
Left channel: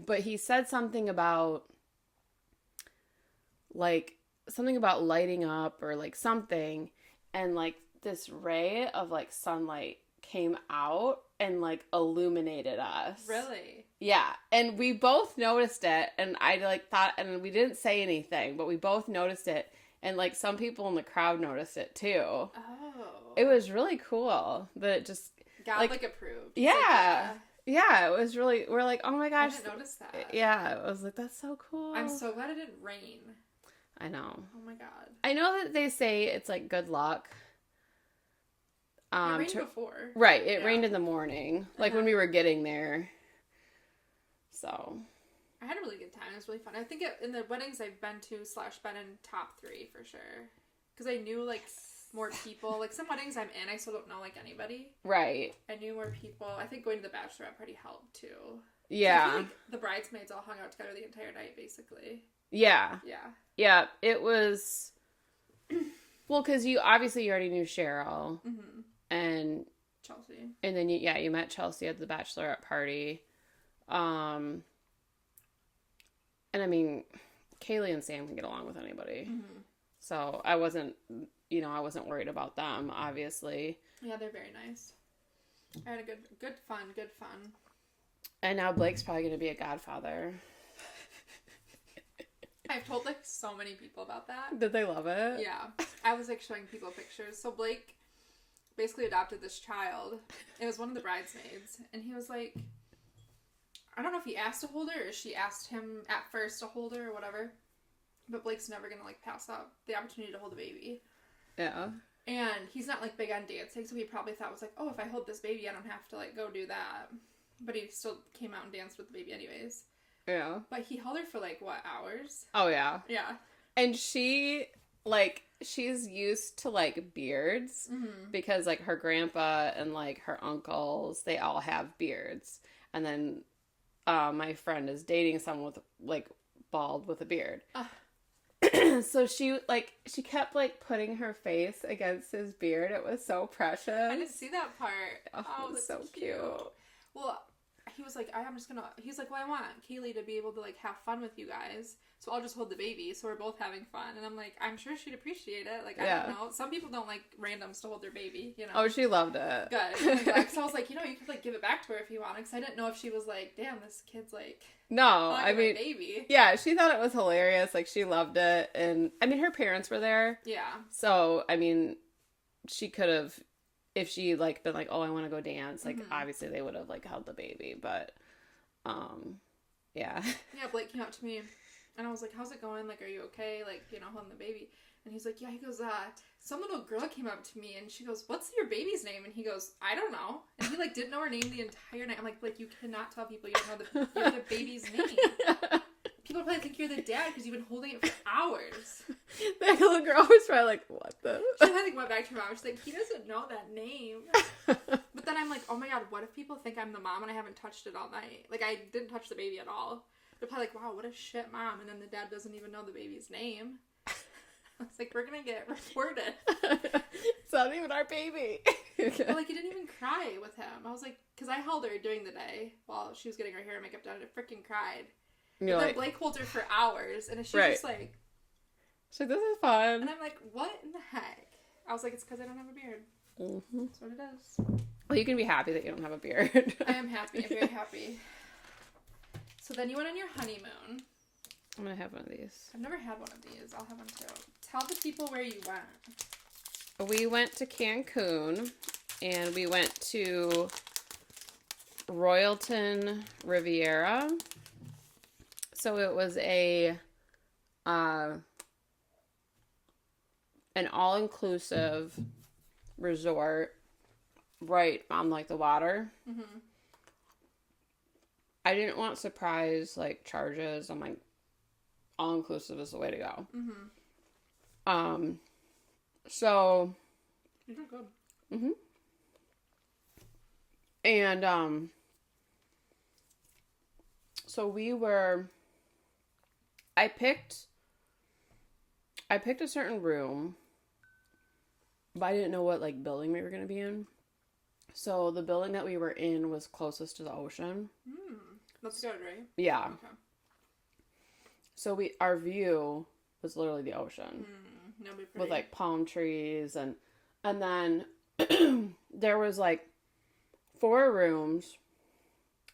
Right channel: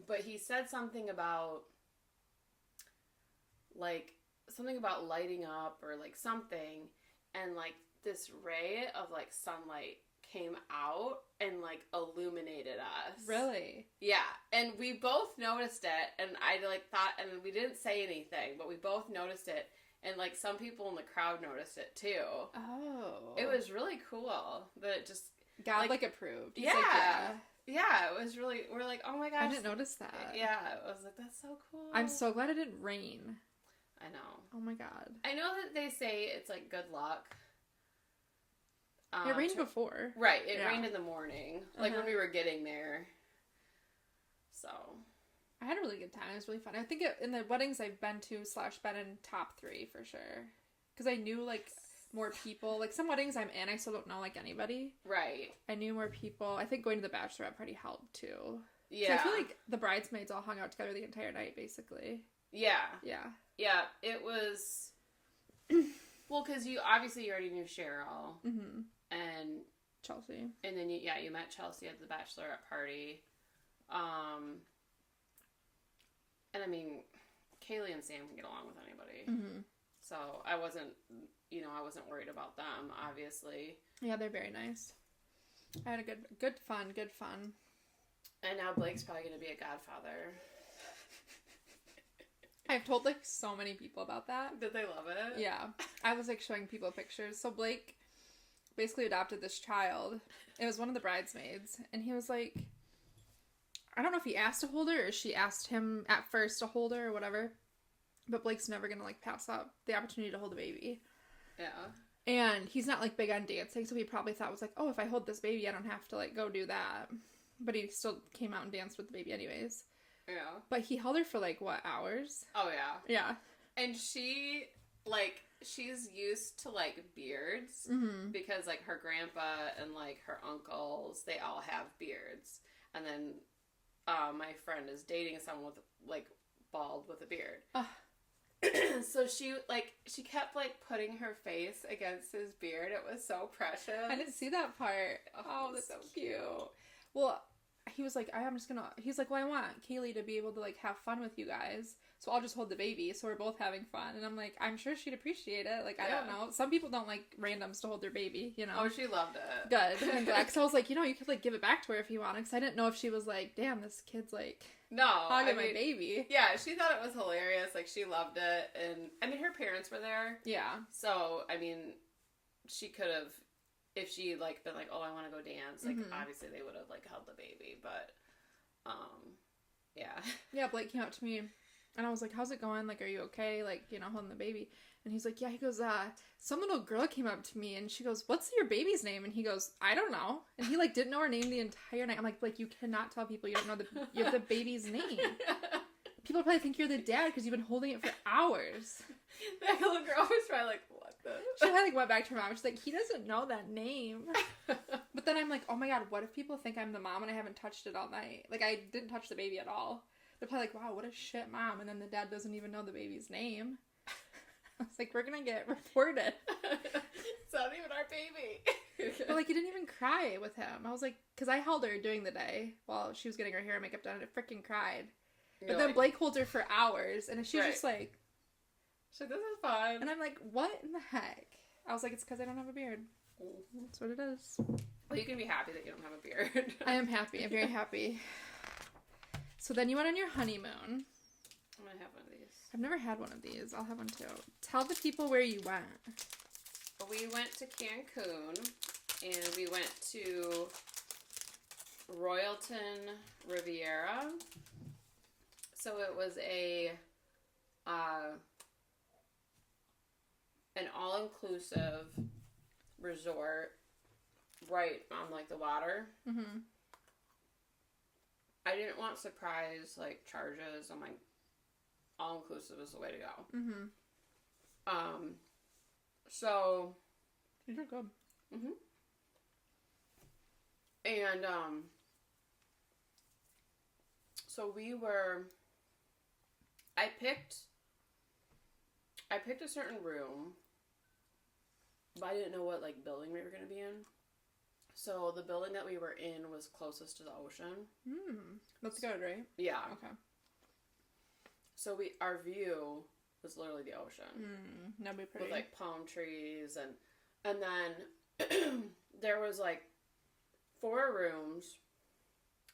but he said something about, like, something about lighting up or, like, something, and, like, this ray of, like, sunlight came out and, like, illuminated us. Really? Yeah. And we both noticed it, and I, like, thought, and we didn't say anything, but we both noticed it, and, like, some people in the crowd noticed it, too. Oh. It was really cool that it just... God, like approved. Yeah. Like, yeah, it was really... We're like, oh my gosh. I didn't notice that. Yeah. I was like, that's so cool. I'm so glad it didn't rain. I know. Oh my God. I know that they say it's, like, good luck. It rained before. Right. It rained in the morning. Like, when we were getting there. So... I had a really good time. It was really fun. I think in the weddings I've been to / been in top 3 for sure. Because I knew, like, more people. Like, some weddings I'm in, I still don't know, like, anybody. Right. I knew more people. I think going to the bachelorette party helped, too. Yeah. So I feel like the bridesmaids all hung out together the entire night, basically. Yeah. Yeah. Yeah, it was... Well, because you already knew Cheryl. Mm-hmm. And... Chelsea. And then, you met Chelsea at the bachelorette party. And I mean, Kaylee and Sam can get along with anybody. Mm-hmm. So I wasn't worried about them, obviously. Yeah, they're very nice. I had a good fun. And now Blake's probably going to be a godfather. I've told, like, so many people about that. Did they love it? Yeah. I was, like, showing people pictures. So Blake basically adopted this child. It was one of the bridesmaids. And he was like... I don't know if he asked to hold her or she asked him at first to hold her or whatever. But Blake's never going to, like, pass up the opportunity to hold a baby. Yeah. And he's not, like, big on dancing, so he probably thought was like, oh, if I hold this baby, I don't have to, like, go do that. But he still came out and danced with the baby anyways. Yeah. But he held her for, like, what, hours? Oh, yeah. Yeah. And she, like, she's used to, like, beards. Mm-hmm. Because, like, her grandpa and, like, her uncles, they all have beards. And then my friend is dating someone with, like, bald with a beard. So she kept, like, putting her face against his beard. It was so precious. I didn't see that part. Oh, that's so cute. Well, he was like, he's like, well, I want Kaylee to be able to, like, have fun with you guys. So I'll just hold the baby. So we're both having fun. And I'm like, I'm sure she'd appreciate it. Like, I don't know. Some people don't like randoms to hold their baby, you know. Oh, she loved it. Good. Because I was like, you know, you could, like, give it back to her if you want. Because I didn't know if she was like, damn, this kid's, like... No, I mean, baby. Yeah, she thought it was hilarious. Like, she loved it. And, I mean, her parents were there. Yeah. So, I mean, she could have, if she, like, been like, oh, I want to go dance, like, obviously they would have, like, held the baby. But, yeah. Yeah, Blake came up to me, and I was like, how's it going? Like, are you okay? Like, you know, holding the baby. And he's like, yeah. He goes, some little girl came up to me, and she goes, what's your baby's name? And he goes, I don't know. And he, like, didn't know her name the entire night. I'm like, Blake, you cannot tell people you don't know the baby's name. People probably think you're the dad because you've been holding it for hours. That little girl was probably like, what the? She like went back to her mom. She's like, he doesn't know that name. But then I'm like, oh my god, what if people think I'm the mom and I haven't touched it all night? Like, I didn't touch the baby at all. They're probably like, wow, what a shit mom. And then the dad doesn't even know the baby's name. I was like, we're gonna get reported. It's not even our baby. But, like, he didn't even cry with him. I was like, because I held her during the day while she was getting her hair and makeup done, and it freaking cried. And then like, Blake holds her for hours, and she's just like... She's like, this is fun. And I'm like, what in the heck? I was like, it's because I don't have a beard. Mm-hmm. That's what it is. Well, you can be happy that you don't have a beard. I am happy. I'm very happy. So then you went on your honeymoon. I'm going to have one of these. I've never had one of these. I'll have one too. Tell the people where you went. We went to Cancun, and we went to Royalton Riviera. So it was an all-inclusive resort right on, like, the water. Mm-hmm. I didn't want surprise, like, charges. I'm like, all-inclusive is the way to go. Mm-hmm. So... You're good. Mm-hmm. And, so we were... I picked a certain room, but I didn't know what, like, building we were going to be in. So the building that we were in was closest to the ocean. That's good, right? Yeah. Okay. So our view was literally the ocean. That'd be pretty. With, like, palm trees, and then there was, like, 4 rooms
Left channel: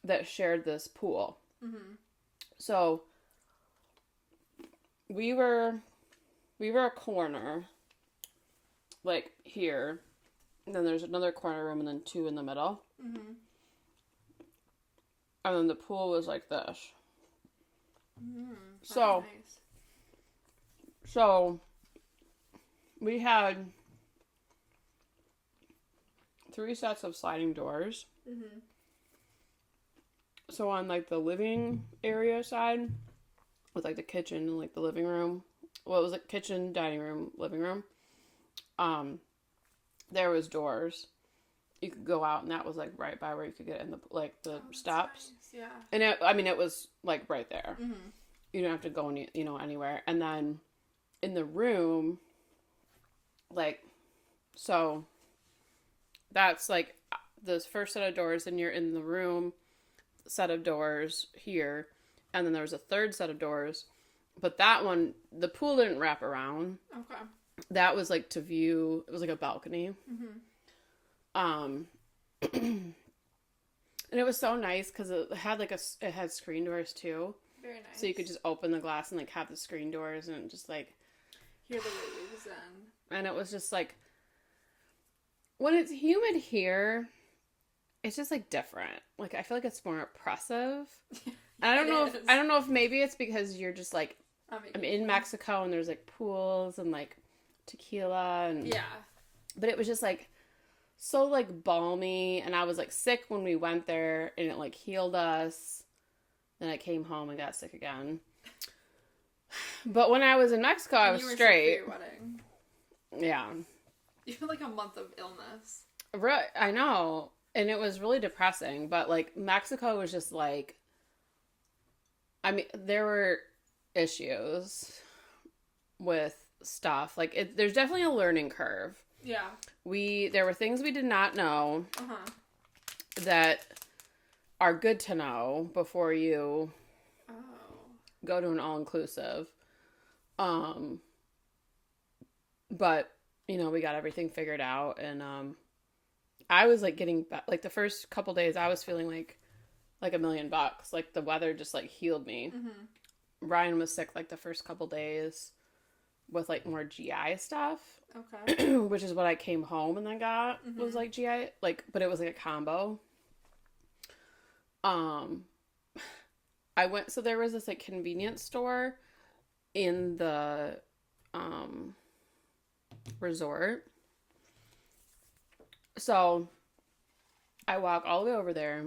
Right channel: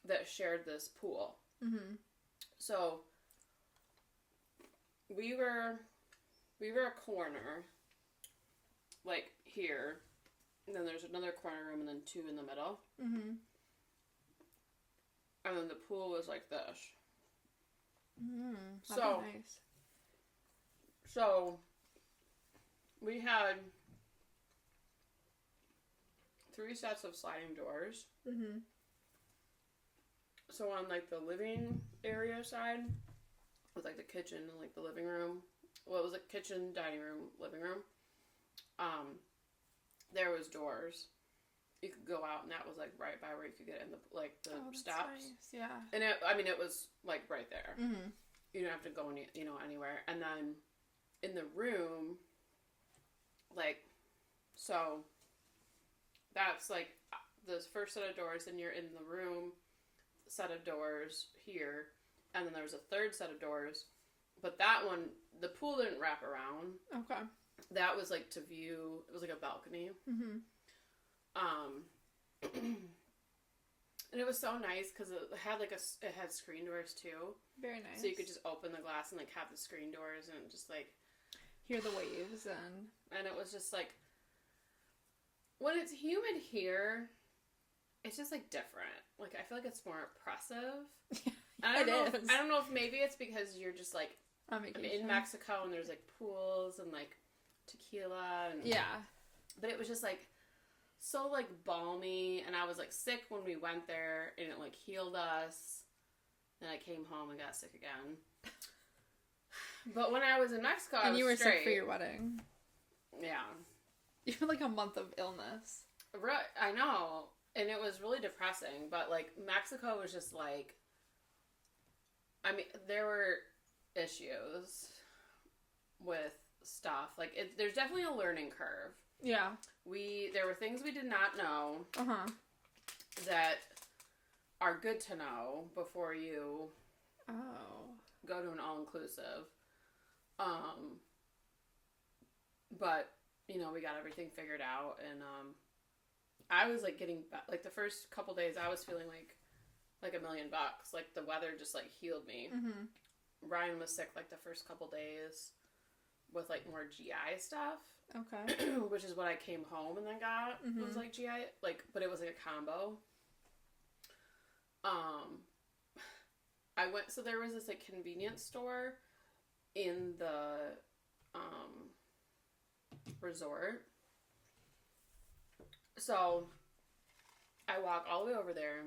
that shared this pool. Mm-hmm. So we were a corner, like, here, and then there's another corner room, and then 2 in the middle. Mm-hmm. And then the pool was like this. So nice. So we had 3 sets of sliding doors. Mm-hmm. So on, like, the living area side, with, like, the kitchen and, like, the living room. Well, it was, like, kitchen, dining room, living room. There was doors. you could go out, and that was like right by where you could get in the steps. Nice. Yeah. And it was like right there. Mm-hmm. You don't have to go anywhere. And then in the room, like, so that's like the first set of doors, and you're in the room, set of doors here, and then there was a third set of doors, but that one, the pool didn't wrap around. Okay. That was like to view. It was like a balcony. Mm-hmm. And it was so nice because it had screen doors too. Very nice. So you could just open the glass and like have the screen doors and just like hear the waves and it was just like, when it's humid here, it's just like different. Like I feel like it's more oppressive. I don't know if maybe it's because you're just like, I'm in Mexico and there's like pools and like tequila and but it was just like so like balmy, and I was like sick when we went there, and it like healed us. Then I came home and got sick again. But when I was in Mexico, I was straight. Sick for your wedding. Yeah. You had like a month of illness. Right, I know, and it was really depressing. But like Mexico was just like, I mean, there were issues with stuff. Like there's definitely a learning curve. Yeah. There were things we did not know that are good to know before you go to an all-inclusive. But, we got everything figured out, and I was like getting like the first couple days I was feeling like $1 million. Like the weather just like healed me. Mm-hmm. Ryan was sick like the first couple days with like more GI stuff. Okay. Which is what I came home and then got was like GI, like, but it was like a combo. So there was this like convenience store in the resort. So I walk all the way over there,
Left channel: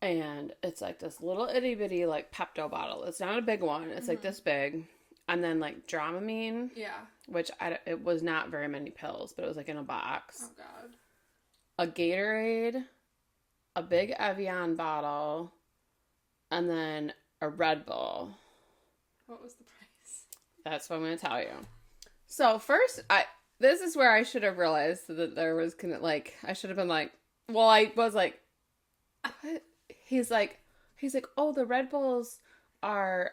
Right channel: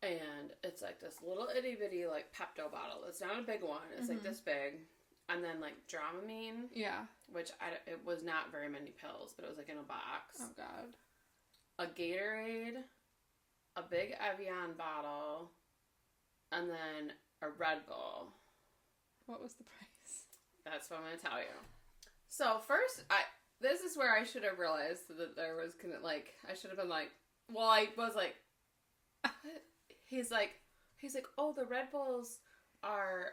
and it's like this little itty bitty like Pepto bottle. It's not a big one. It's like this big. And then like Dramamine. Yeah. Which it was not very many pills, but it was like in a box. Oh God. A Gatorade, a big Evian bottle, and then a Red Bull. What was the price? That's what I'm going to tell you. So first, this is where I should have realized that there was I should have been like, well, I was like, what? He's like, oh, the Red Bulls are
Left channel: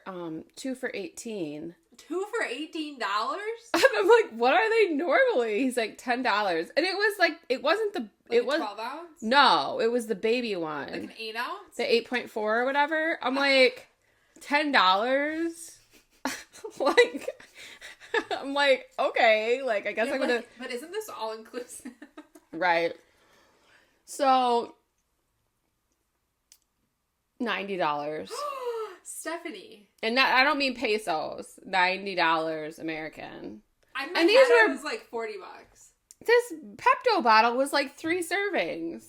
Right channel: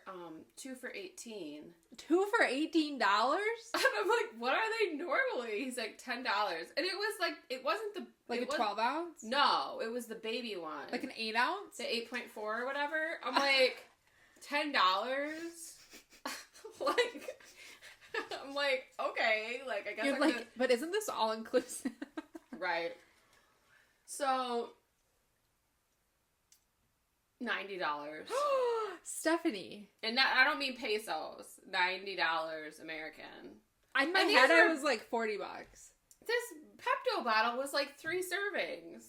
2 for $18. 2 for $18? And I'm like, what are they normally? He's like $10. And it was like, it wasn't the it was 12 ounce? No, it was the baby one. Like an 8 ounce? The 8.4 or whatever. I'm like, $10? Like, I'm like, okay, like, I guess I'm gonna... But isn't this all inclusive? Right. So, $90. Stephanie. And I don't mean pesos. $90 American. I mean, it was like $40. This Pepto bottle was like 3 servings.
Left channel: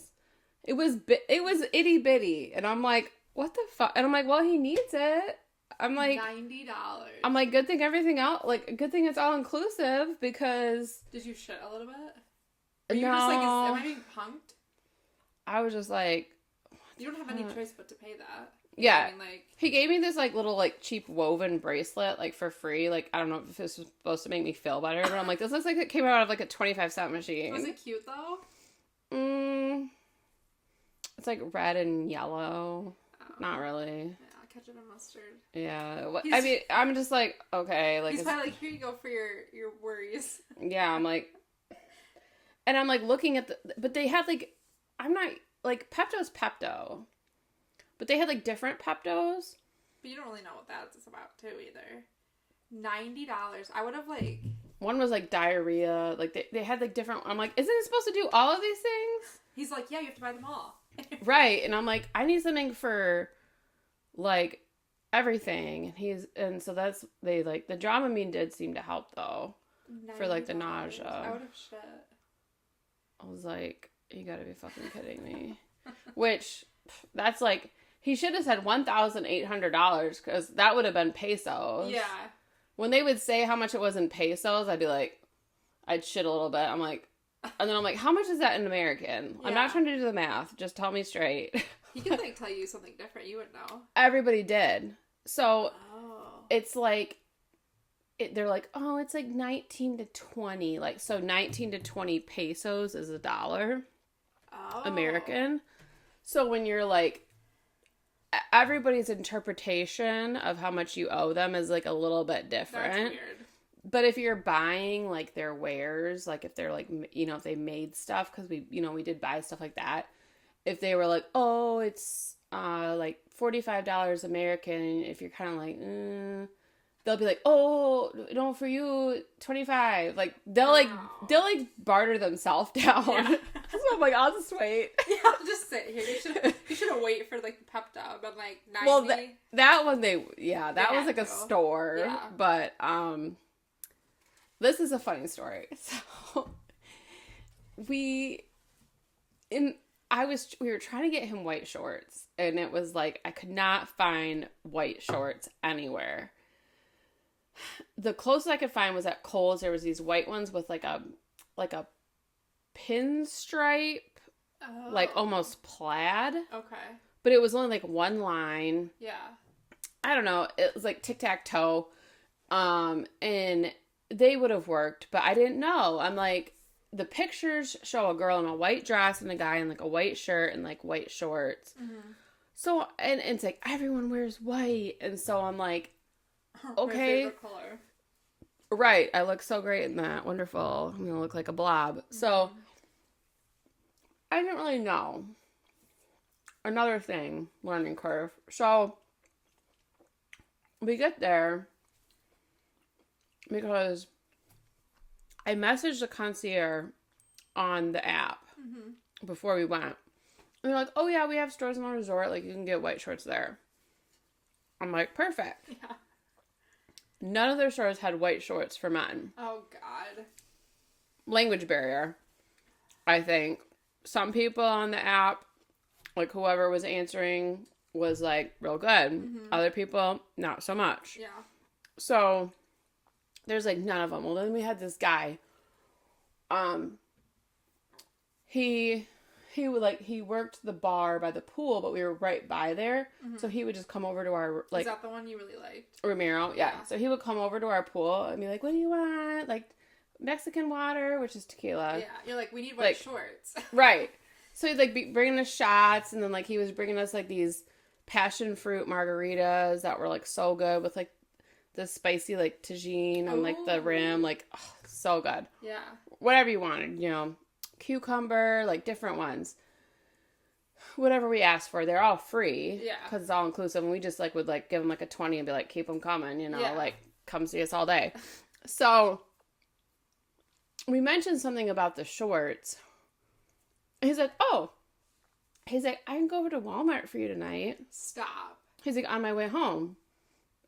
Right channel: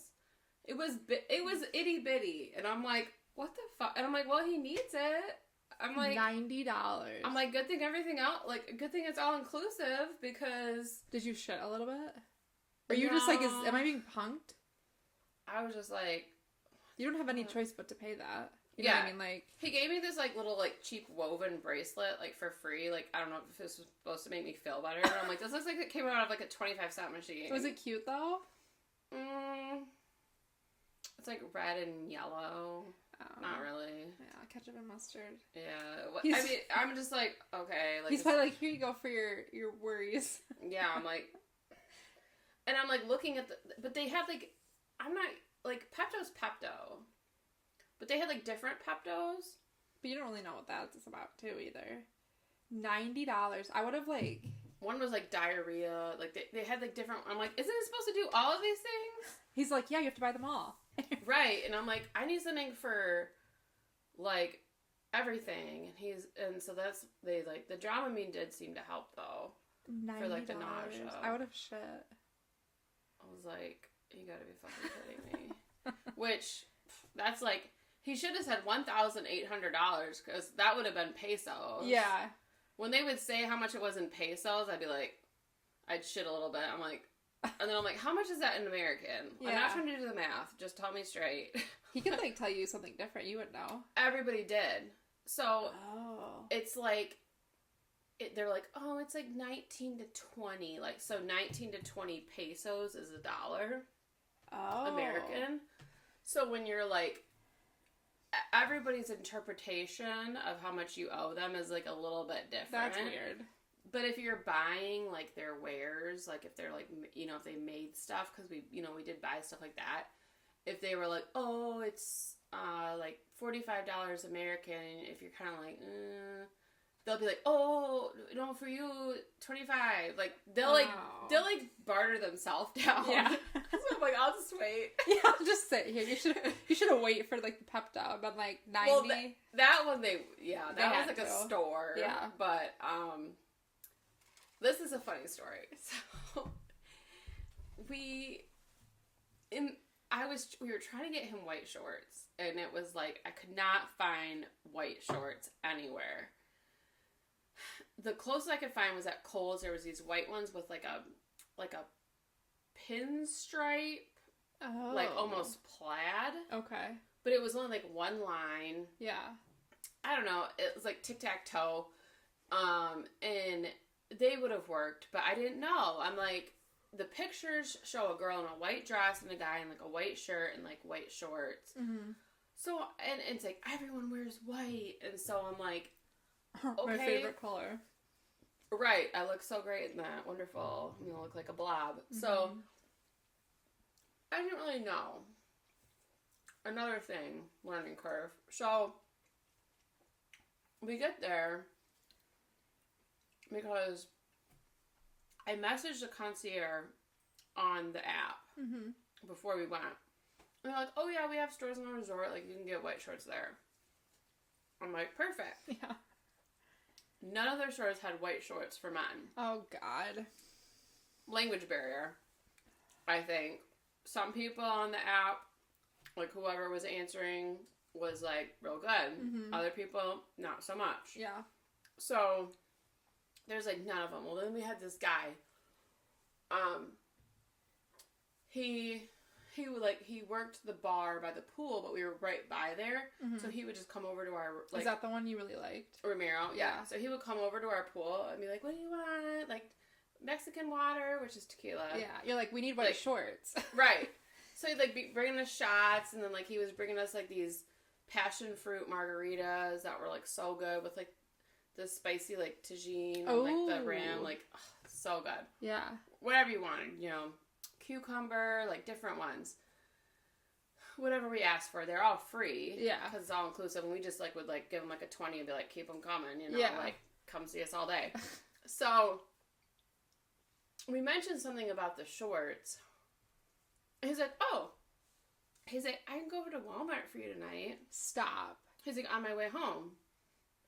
It was itty bitty, and I'm like, what the fuck? And I'm like, well, he needs it. I'm like $90. I'm like, good thing it's all inclusive, because did you shit a little bit? Or you were just like, am I being punked? I was just like, you don't have any choice but to pay that. You know what I mean? Like, he gave me this like little like cheap woven bracelet like for free. Like, I don't know if this was supposed to make me feel better, but I'm like, this looks like it came out of like a 25-cent machine. Was it cute though? It's like red and yellow. Oh. Not really. Yeah, ketchup and mustard. Yeah. I mean, I'm just like, okay. Like, he's probably like, here you go for your worries. Yeah, I'm like, and I'm like looking at but they had like, I'm not, like, Pepto's Pepto. But they had like different Peptos. But you don't really know what that's about too either. $90. I would have like... One was like diarrhea. Like they had like different... I'm like, isn't it supposed to do all of these things? He's like, yeah, you have to buy them all. Right. And I'm like, I need something for like everything. And so that's... They like... The Dramamine did seem to help though. $90. For like the nausea. I would have shit. I was like, you gotta be fucking kidding me. Which, that's like... He should have said $1,800, because that would have been pesos. Yeah. When they would say how much it was in pesos, I'd be like, I'd shit a little bit. I'm like, And then I'm like, how much is that in American? Yeah. I'm not trying to do the math. Just tell me straight. He could, like, tell you something different. You would know. Everybody did. So, it's like, they're like, oh, it's like 19 to 20. Like, so 19 to 20 pesos is $1. American. So when you're like, everybody's interpretation of how much you owe them is like a little bit different. That's weird. But if you're buying like their wares, like if they're like, you know, if they made stuff, because we did buy stuff like that. If they were like, oh, it's like $45 American, if you're kind of like, they'll be like, oh, no, for you, 25. Like, they'll barter themselves down. Yeah. So I'm like, I'll just wait. Yeah, just sit here. You should have waited for, like, the pep down, but, like, 90. Well, that one, that was, like, a store. Yeah. But, this is a funny story. So, we were trying to get him white shorts, and it was, like, I could not find white shorts anywhere. The closest I could find was at Kohl's. There was these white ones with like a pinstripe, like almost plaid. Okay. But it was only like one line. Yeah. I don't know. It was like tic-tac-toe. And they would have worked, but I didn't know. I'm like, the pictures show a girl in a white dress and a guy in like a white shirt and like white shorts. Mm-hmm. So, and it's like, everyone wears white. And so I'm like, okay. My favorite color. Right. I look so great in that. Wonderful. I'm going to look like a blob. Mm-hmm. So, I didn't really know. Another thing, learning curve. So, we get there because I messaged the concierge on the app before we went. And they're like, oh yeah, we have stores in the resort. Like, you can get white shorts there. I'm like, perfect. Yeah. None of their stores had white shorts for men. Oh, God. Language barrier, I think. Some people on the app, like whoever was answering, was like real good. Mm-hmm. Other people, not so much. Yeah. So, there's like none of them. Well, then we had this guy. He would like, he worked the bar by the pool, but we were right by there. Mm-hmm. So he would just come over to our, like... Is that the one you really liked? Ramiro, yeah. So he would come over to our pool and be like, what do you want? Like, Mexican water, which is tequila. Yeah. You're like, we need white shorts. Right. So he'd like be bringing us shots, and then like he was bringing us like these passion fruit margaritas that were like so good with like the spicy like tagine and like the rim. Like, oh, so good. Yeah. Whatever you wanted, you know. Cucumber, like different ones. Whatever we asked for, they're all free. Yeah. Because it's all inclusive. And we just like would like give them like a 20 and be like, keep them coming, you know, like come see us all day. So we mentioned something about the shorts. He's like, oh. He's like, I can go over to Walmart for you tonight. Stop. He's like, on my way home.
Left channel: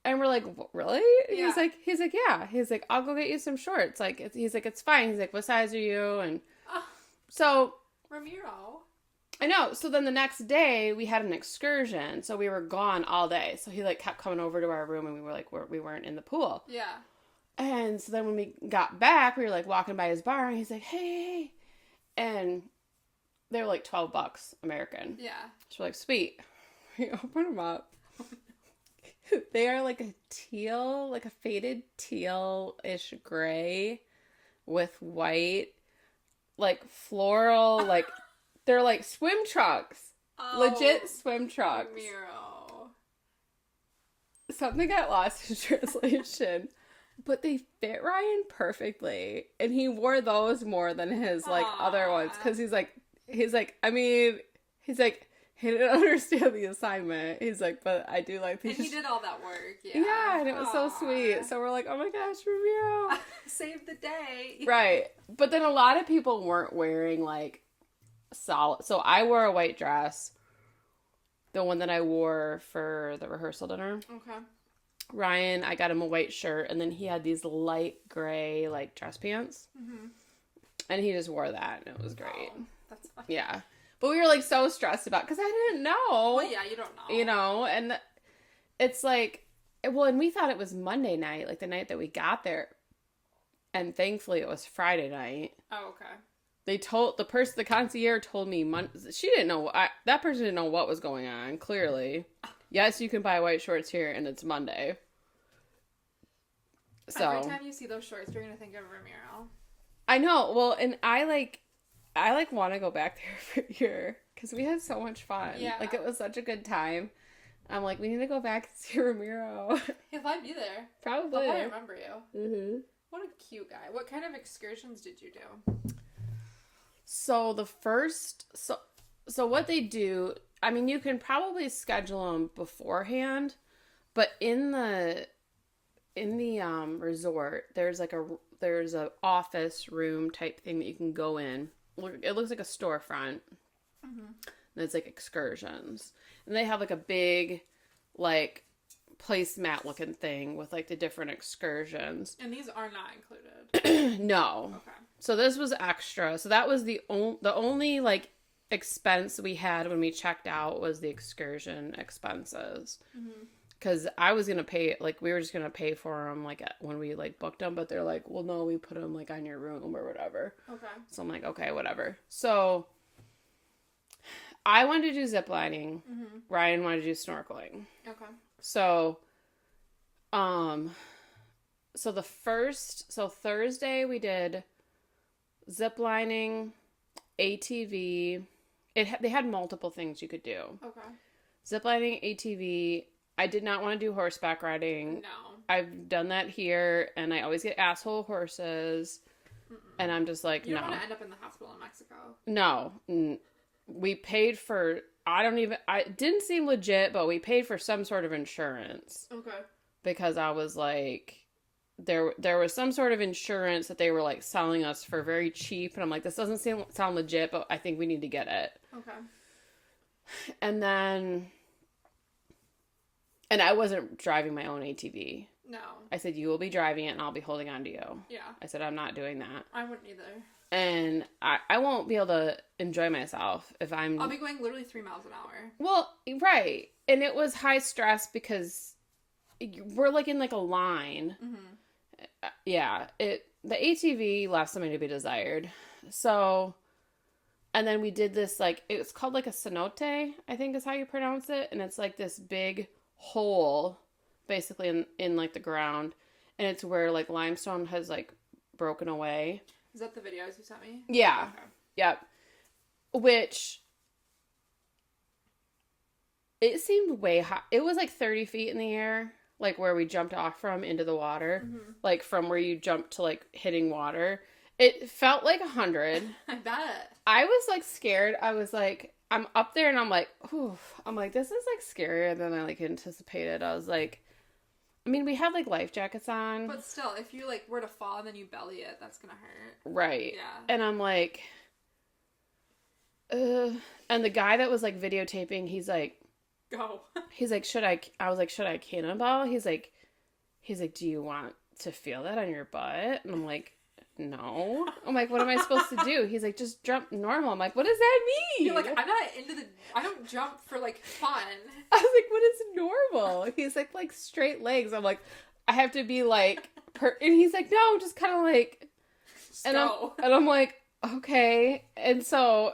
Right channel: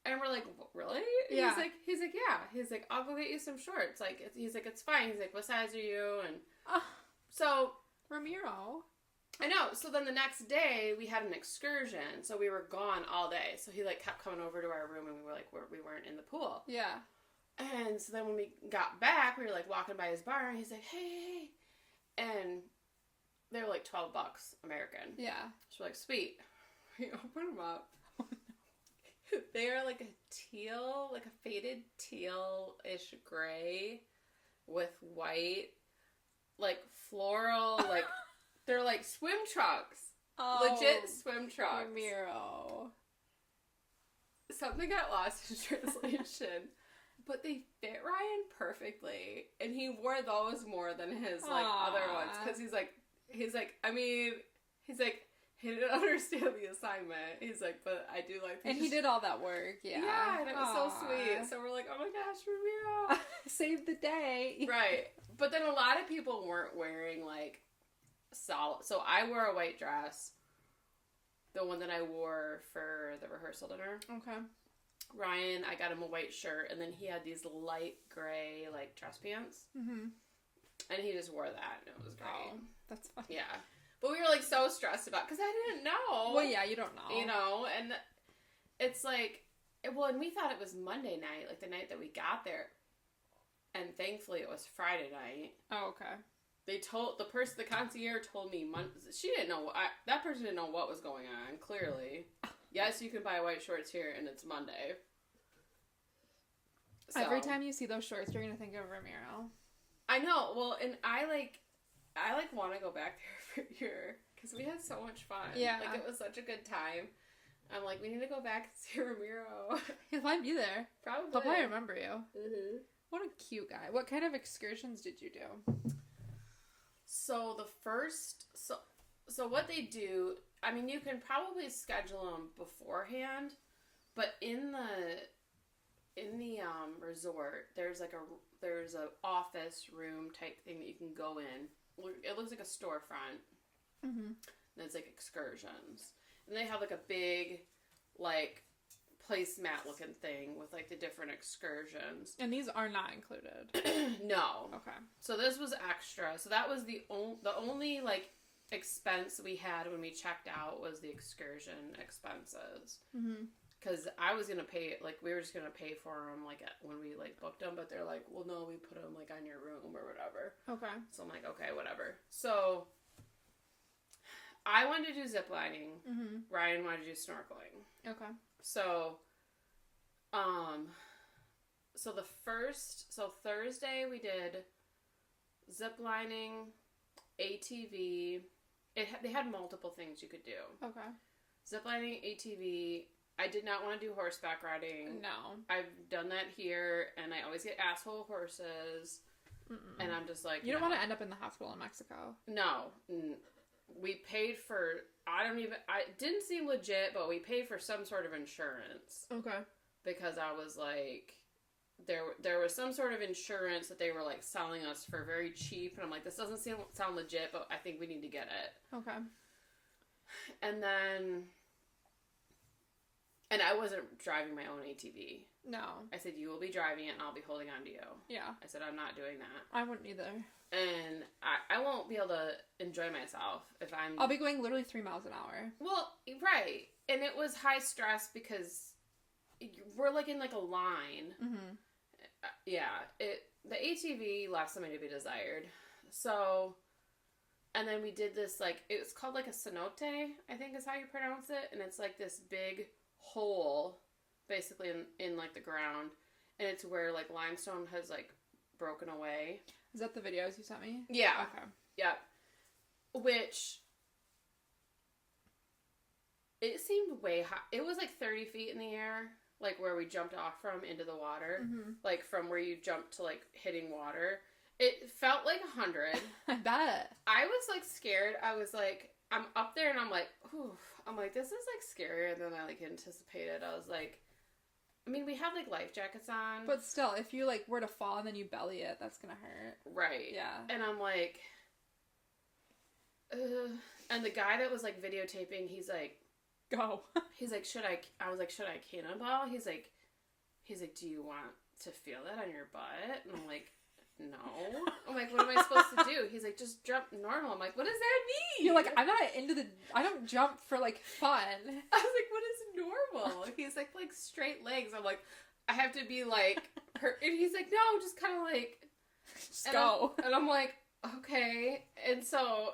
And we're like, really? Yeah. He's like, yeah. He's like, I'll go get you some shorts. Like, he's like, it's fine. He's like, what size are you? And so, Ramiro. I know. So then the next day we had an excursion. So we were gone all day. So he like kept coming over to our room, and we were like, we weren't in the pool. Yeah. And so then when we got back, we were like walking by his bar, and he's like, hey. And they were like $12 American. Yeah. So we're like, sweet. We open them up. They are like a teal, like a faded teal-ish gray with white, like floral, like they're like swim trunks. Oh, legit swim trunks. Ramiro. Something got lost in translation. But they fit Ryan perfectly. And he wore those more than his like other ones. Because he's like, he didn't understand the assignment. He's like, but I do like these. And he did all that work. Yeah. Yeah, and it was so sweet. So we're like, oh my gosh, Ramiro. Save the day. Right. But then a lot of people weren't wearing like solid. So I wore a white dress. The one that I wore for the rehearsal dinner. Okay. Ryan, I got him a white shirt, and then he had these light gray like dress pants. Mm-hmm. And he just wore that, and it was great. Oh, that's fun. Yeah. But we were, like, so stressed about, because I didn't know. Well, yeah, you don't know. You know, and it's like, well, and we thought it was Monday night, like the night that we got there. And thankfully it was Friday night. Oh, okay. the concierge told me, she didn't know, that person didn't know what was going on, clearly. Yes, you can buy white shorts here, and it's Monday. So, every time you see those shorts, you're going to think of Ramiro. I know. Well, and I want to go back there for a year because we had so much fun. Yeah. Like, it was such a good time. I'm like, we need to go back and see Ramiro. He might be there. Probably. I'll probably remember you. Mm-hmm. What a cute guy. What kind of excursions did you do? So so what they do, I mean, you can probably schedule them beforehand, but in the resort, there's a office room type thing that you can go in. It looks like a storefront. Mm-hmm. And it's like excursions. And they have like a big, like, placemat looking thing with like the different excursions. And these are not included. No. Okay. So this was extra. So that was the only like expense we had when we checked out was the excursion expenses. Because I was gonna pay, like, we were just gonna pay for them like when we like booked them, but they're like, well, no, we put them like on your room or whatever. Okay. So I'm like, okay, whatever. So I wanted to do zip lining. Mm-hmm. Ryan wanted to do snorkeling. Okay. So, so Thursday we did zip lining, ATV. They had multiple things you could do. Okay. Zip lining, ATV. I did not want to do horseback riding. No. I've done that here, and I always get asshole horses. Mm-mm. And I'm just like, you don't want to end up in the hospital in Mexico. No. We paid for, it didn't seem legit, but we paid for some sort of insurance. Okay. Because I was like, there was some sort of insurance that they were like selling us for very cheap. And I'm like, this doesn't sound legit, but I think we need to get it. Okay. And then, and I wasn't driving my own ATV. No. I said, you will be driving it and I'll be holding on to you. Yeah. I said, I'm not doing that. I wouldn't either. And I won't be able to enjoy myself if I'll be going literally 3 miles an hour. Well, right. And it was high stress because we're like in like a line. Mm-hmm. Yeah. The ATV left something to be desired. So, and then we did this, like, it's called like a cenote, I think is how you pronounce it. And it's like this big hole basically in like the ground. And it's where like limestone has like broken away. Is that the videos you sent me? Yeah. Okay. Yep. Which, it seemed way high. It was like 30 feet in the air, like where we jumped off from into the water. Mm-hmm. Like from where you jumped to like hitting water. It felt like 100. I bet. I was like scared. I was like, I'm up there and I'm like, ooh. I'm like, this is like scarier than I like anticipated. I was like, I mean, we had, like, life jackets on. But still, if you, like, were to fall and then you belly it, that's gonna hurt. Right. Yeah. And I'm like, and the guy that was, like, videotaping, he's like, go. He's like, I was like, should I cannonball? He's like, do you want to feel that on your butt? And I'm like, no. I'm like, what am I supposed to do? He's like, just jump normal. I'm like, what does that mean? You're like, I'm not I don't jump for, like, fun. I was like, what is normal? He's like straight legs. I'm like, I have to be like, and he's like, no, just kind of like, just go. And I'm like, okay. And so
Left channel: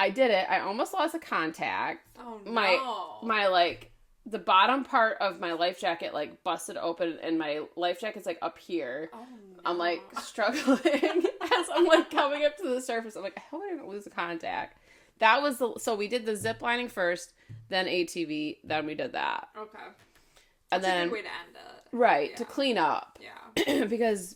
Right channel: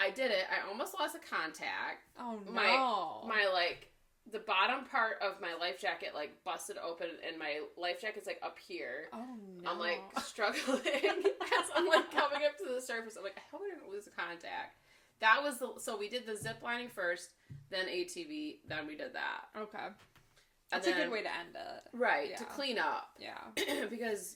I did it. I almost lost a contact. Oh, no. My like, the bottom part of my life jacket, like, busted open, and my life jacket's, like, up here. Oh, no. I'm, like, struggling as I'm, like, coming up to the surface. I'm like, I hope I don't lose a contact. That was so we did the zip lining first, then ATV, then we did that. Okay. And That's a good way to end it. Right, yeah. to clean up. Yeah. Because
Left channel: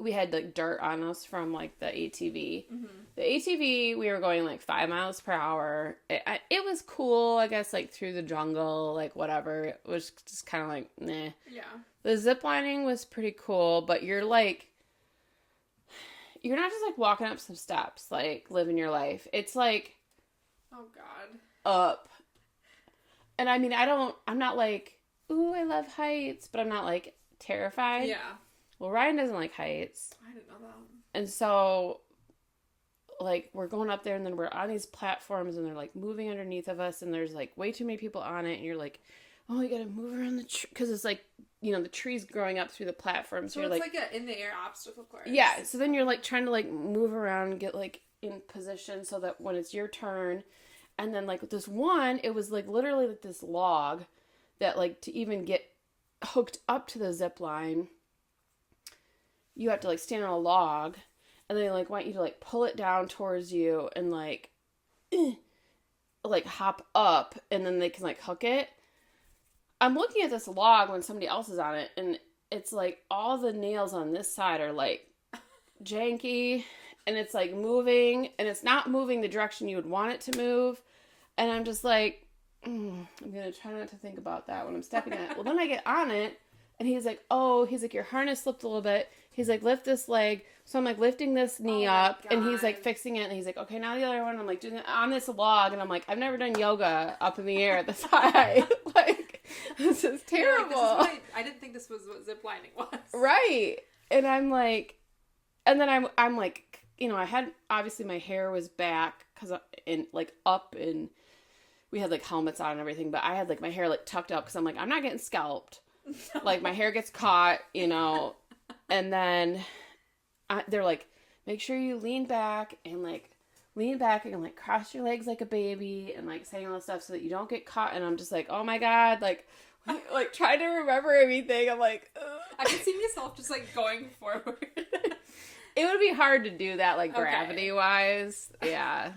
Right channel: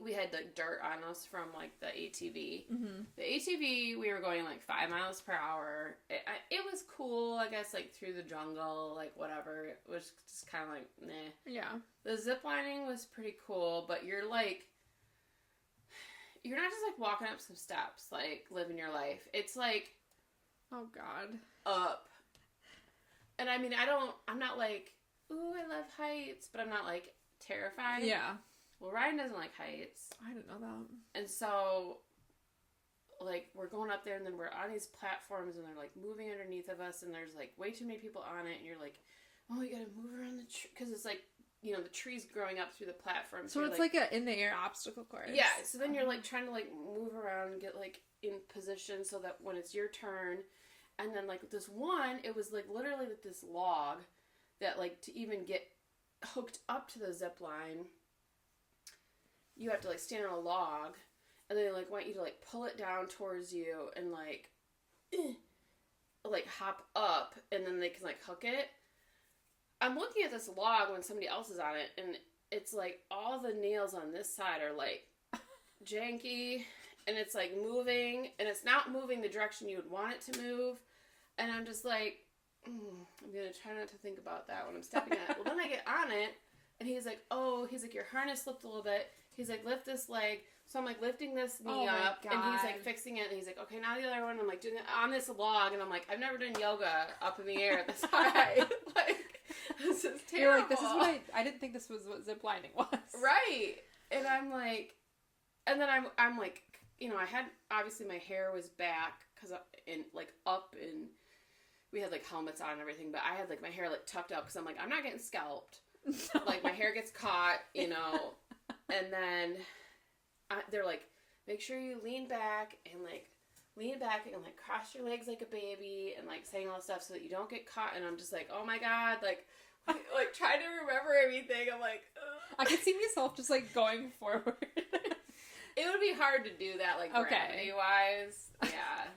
we had, like, dirt on us from, like, the ATV. Mm-hmm. The ATV, we were going, like, 5 miles per hour. It was cool, I guess, like, through the jungle, like, whatever. It was just kind of like, meh. Yeah. The zip lining was pretty cool, but you're, like, you're not just, like, walking up some steps, like, living your life. It's, like... Oh, God. Up. And, I mean, I'm not, like, ooh, I love heights, but I'm not, like, terrified. Yeah. Well, Ryan doesn't like heights. I didn't know that. And so, like, we're going up there, and then we're on these platforms, and they're, like, moving underneath of us, and there's, like, way too many people on it, and you're, like, oh, you gotta move around the tree, because it's like, the tree's growing up through the platform. So it's like an in-the-air obstacle course. Yeah, so then you're like trying to like move around and get like in position so that when it's your turn, and then like this one, it was like literally like this log that like to even get hooked up to the zip line, you have to like stand on a log, and they like want you to like pull it down towards you and like hop up, and then they can like hook it. I'm looking at this log when somebody else is on it, and it's like all the nails on this side are like janky, and it's like moving, and it's not moving the direction you would want it to move. And I'm just like, I'm gonna try not to think about that when I'm stepping on it. Well, then I get on it, and he's like, your harness slipped a little bit. He's like, lift this leg. So I'm like lifting this knee up, and he's like fixing it, and he's like, okay, now the other one. I'm like doing it on this log, and I'm like, I've never done yoga up in the air this high. Like, this is terrible. Like, I didn't think this was what zip lining was. Right. And I'm like, and then I'm like, I had, obviously my hair was back because up, and we had like helmets on and everything, but I had like my hair like tucked up because I'm like, I'm not getting scalped. No. Like my hair gets caught, and then they're like, make sure you lean back and like cross your legs like a baby and like saying all this stuff so that you don't get caught. And I'm just like, oh my God, like trying to remember everything. I'm like, ugh. I could see myself just like going forward. It would be hard to do that like gravity wise. Yeah.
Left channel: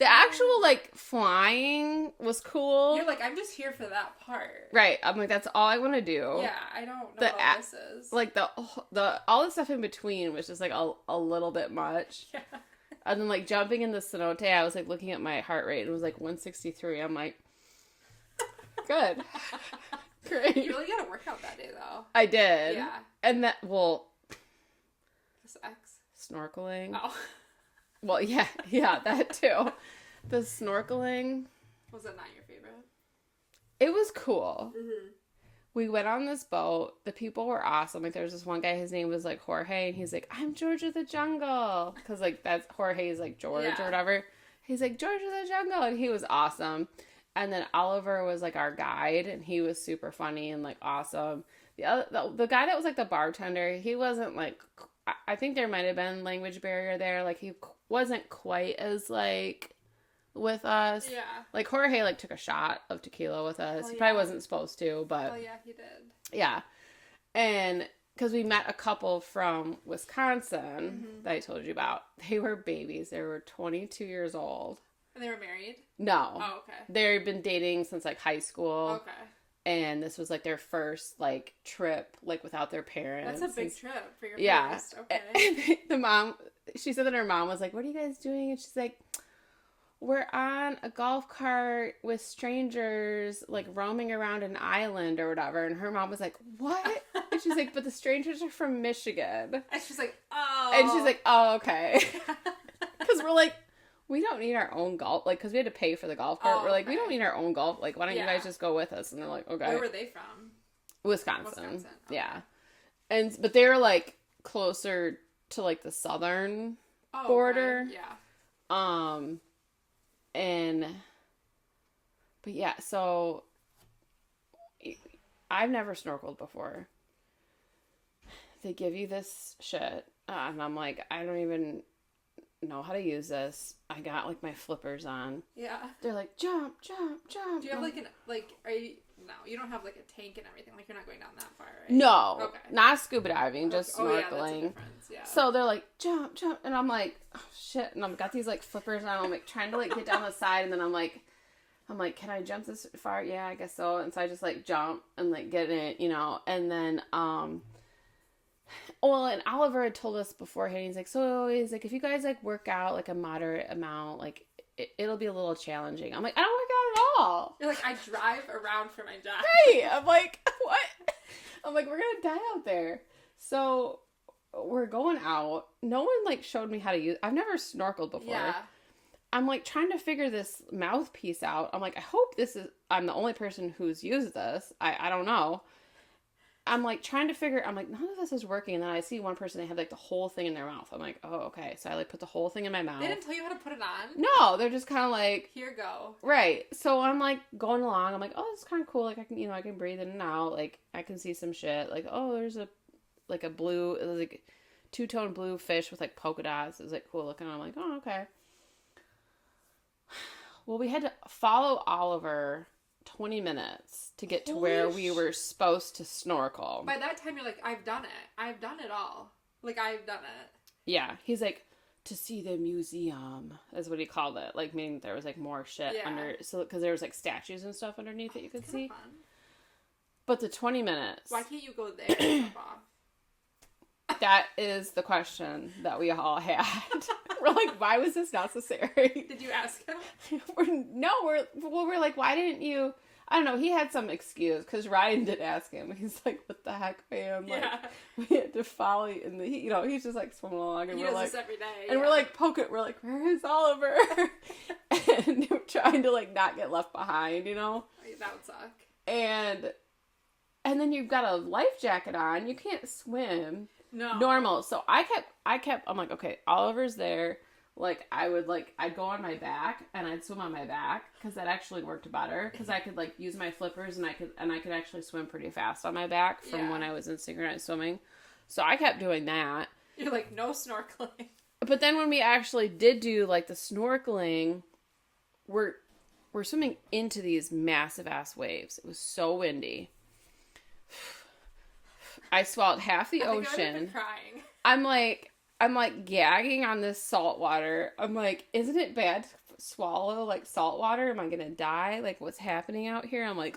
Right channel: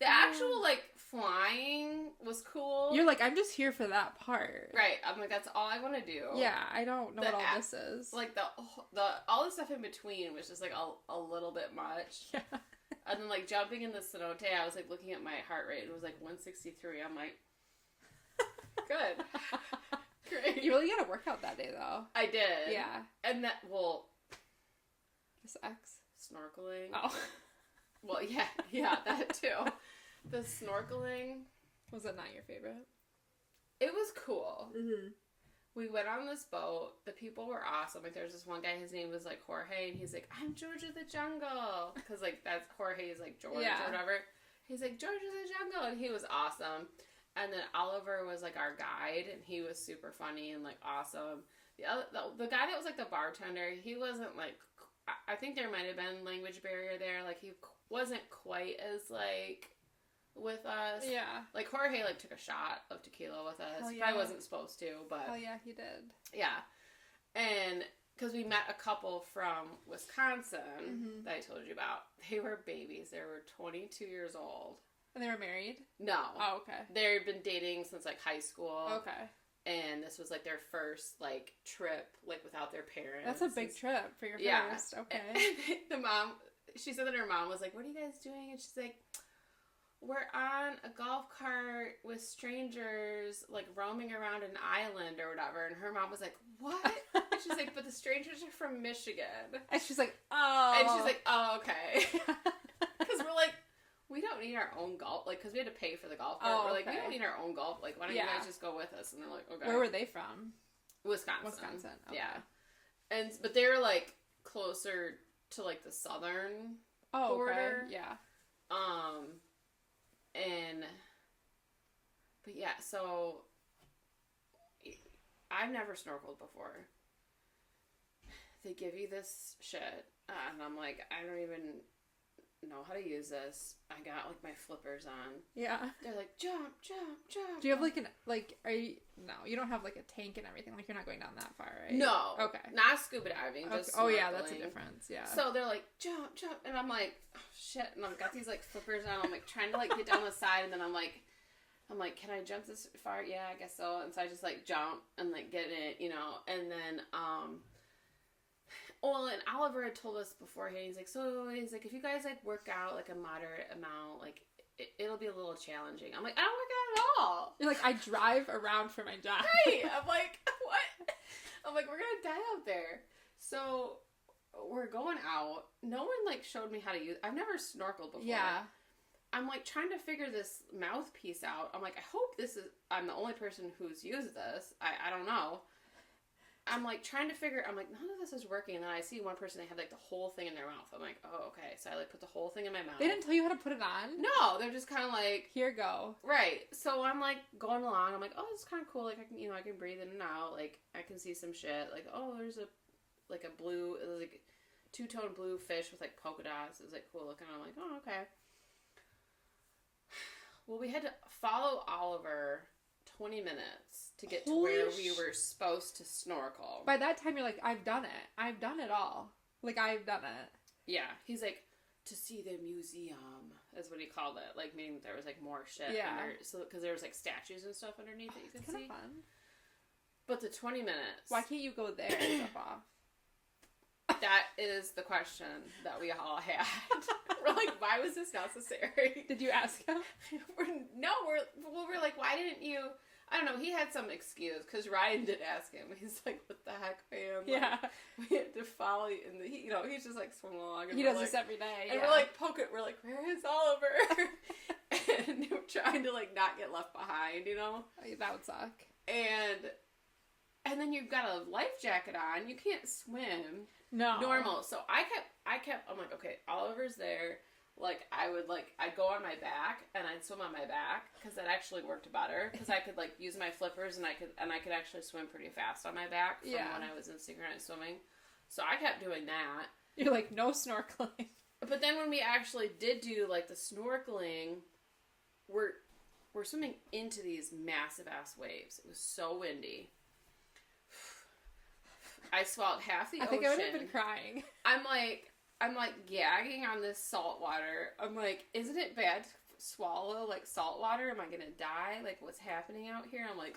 The actual like flying was cool. You're like, I'm just here for that part. Right. I'm like, that's all I want to do. Yeah, I don't know what all this is. Like the all the stuff in between was just like a little bit much. Yeah. And then like jumping in the cenote, I was like looking at my heart rate and it was like 163. I'm like, good. Great. You really got to work out that day though. I did. Yeah. And that, this X. Snorkeling. Oh. Well, yeah, that too. The snorkeling. Was it not your favorite? It was cool. Mm-hmm. We went on this boat. The people were awesome. Like, there was this one guy, his name was, like, Jorge, and he's like, I'm George of the Jungle. Because, like, that's Jorge's, like, George or whatever. He's like, George of the Jungle, and he was awesome. And then Oliver was, like, our guide, and he was super funny and, like, awesome. The guy that was, like, the bartender, he wasn't, like, I think there might have been language barrier there. Like, he wasn't quite as, like, with us. Yeah. Like, Jorge, like, took a shot of tequila with us. Oh, He yeah. probably wasn't supposed to, but... Oh, yeah, he did. Yeah. And because we met a couple from Wisconsin that I told you about. They were babies. They were 22 years old. And they were married? No. Oh, okay. They've been dating since, like, high school. Okay. And this was, like, their first, like, trip, like, without their parents. That's a big trip for your first. Okay. And the mom, she said that her mom was like, what are you guys doing? And she's like, we're on a golf cart with strangers, like, roaming around an island or whatever. And her mom was like, what? And she's like, but the strangers are from Michigan. And she's like, oh. And she's like, oh, okay. Because we're like, we don't need our own golf, like, because we had to pay for the golf cart. Oh, we're like, okay. we don't need our own golf. Like, why don't you guys just go with us? And they're like, okay. Where were they from? Wisconsin. Okay. Yeah. But they were, like, closer to, like, the southern border. Okay. Yeah. But yeah, so I've never snorkeled before. They give you this shit, and I'm like, I don't even know how to use this. I got, like, my flippers on. Yeah. They're like, jump, jump, jump. Do you have, are you, no, you don't have, like, a tank and everything. Like, you're not going down that far, right? No. Okay. Not scuba diving, just snorkeling. Oh, yeah, that's a difference, yeah. So they're like, jump, jump, and I'm like, oh, shit, and I've got these, like, flippers on. I'm, like, trying to, like, get down the side, and then I'm like, can I jump this far? Yeah, I guess so. And so I just, like, jump and, like, get in it, and then, and Oliver had told us beforehand, he's like, if you guys, like, work out, like, a moderate amount, like, it'll be a little challenging. I'm like, I don't work out at all. You're like, I drive around for my job. Right. I'm like, what? I'm like, we're going to die out there. So we're going out. No one, like, showed me how to use, I've never snorkeled before. Yeah. I'm, like, trying to figure this mouthpiece out. I'm like, I hope I'm the only person who's used this. I don't know. I'm like trying to figure, I'm like, none of this is working. And then I see one person, they have like the whole thing in their mouth. I'm like, oh, okay. So I like put the whole thing in my mouth. They didn't tell you how to put it on? No, they're just kind of like, here go. Right. So I'm like going along. I'm like, oh, this is kind of cool. Like I can, I can breathe in and out. Like I can see some shit. Like, oh, there's a blue, it was like two-tone blue fish with like polka dots. It was like cool looking. I'm like, oh, okay. Well, we had to follow Oliver 20 minutes to get to where we were supposed to snorkel. By that time, you're like, I've done it. I've done it all. Like, I've done it. Yeah. He's like, to see the museum, is what he called it. Like, meaning there was, like, more shit under. So, because there was, like, statues and stuff underneath that you could see. Fun. But the 20 minutes. Why can't you go there and jump off? That is the question that we all had. We're like, why was this necessary? Did you ask him? We're like, why didn't you? I don't know. He had some excuse because Ryan did ask him. He's like, what the heck, man? Like, we had to follow you in the, he's just like swimming along. And he does this every day. And we're like, poke it. We're like, where is Oliver? And we're trying to like not get left behind, That would suck. And then you've got a life jacket on. You can't swim. No. Normal. So I kept, I'm like, okay, Oliver's there. Like, I'd go on my back, and I'd swim on my back, because that actually worked better, because I could, like, use my flippers, and I could actually swim pretty fast on my back from when I was in synchronized swimming. So I kept doing that. You're like, no snorkeling. But then when we actually did do, like, the snorkeling, we're swimming into these massive-ass waves. It was so windy. I swallowed half the ocean. I would have been crying. I'm like gagging on this salt water. I'm like, isn't it bad to swallow like salt water? Am I gonna die? Like, what's happening out here? I'm like,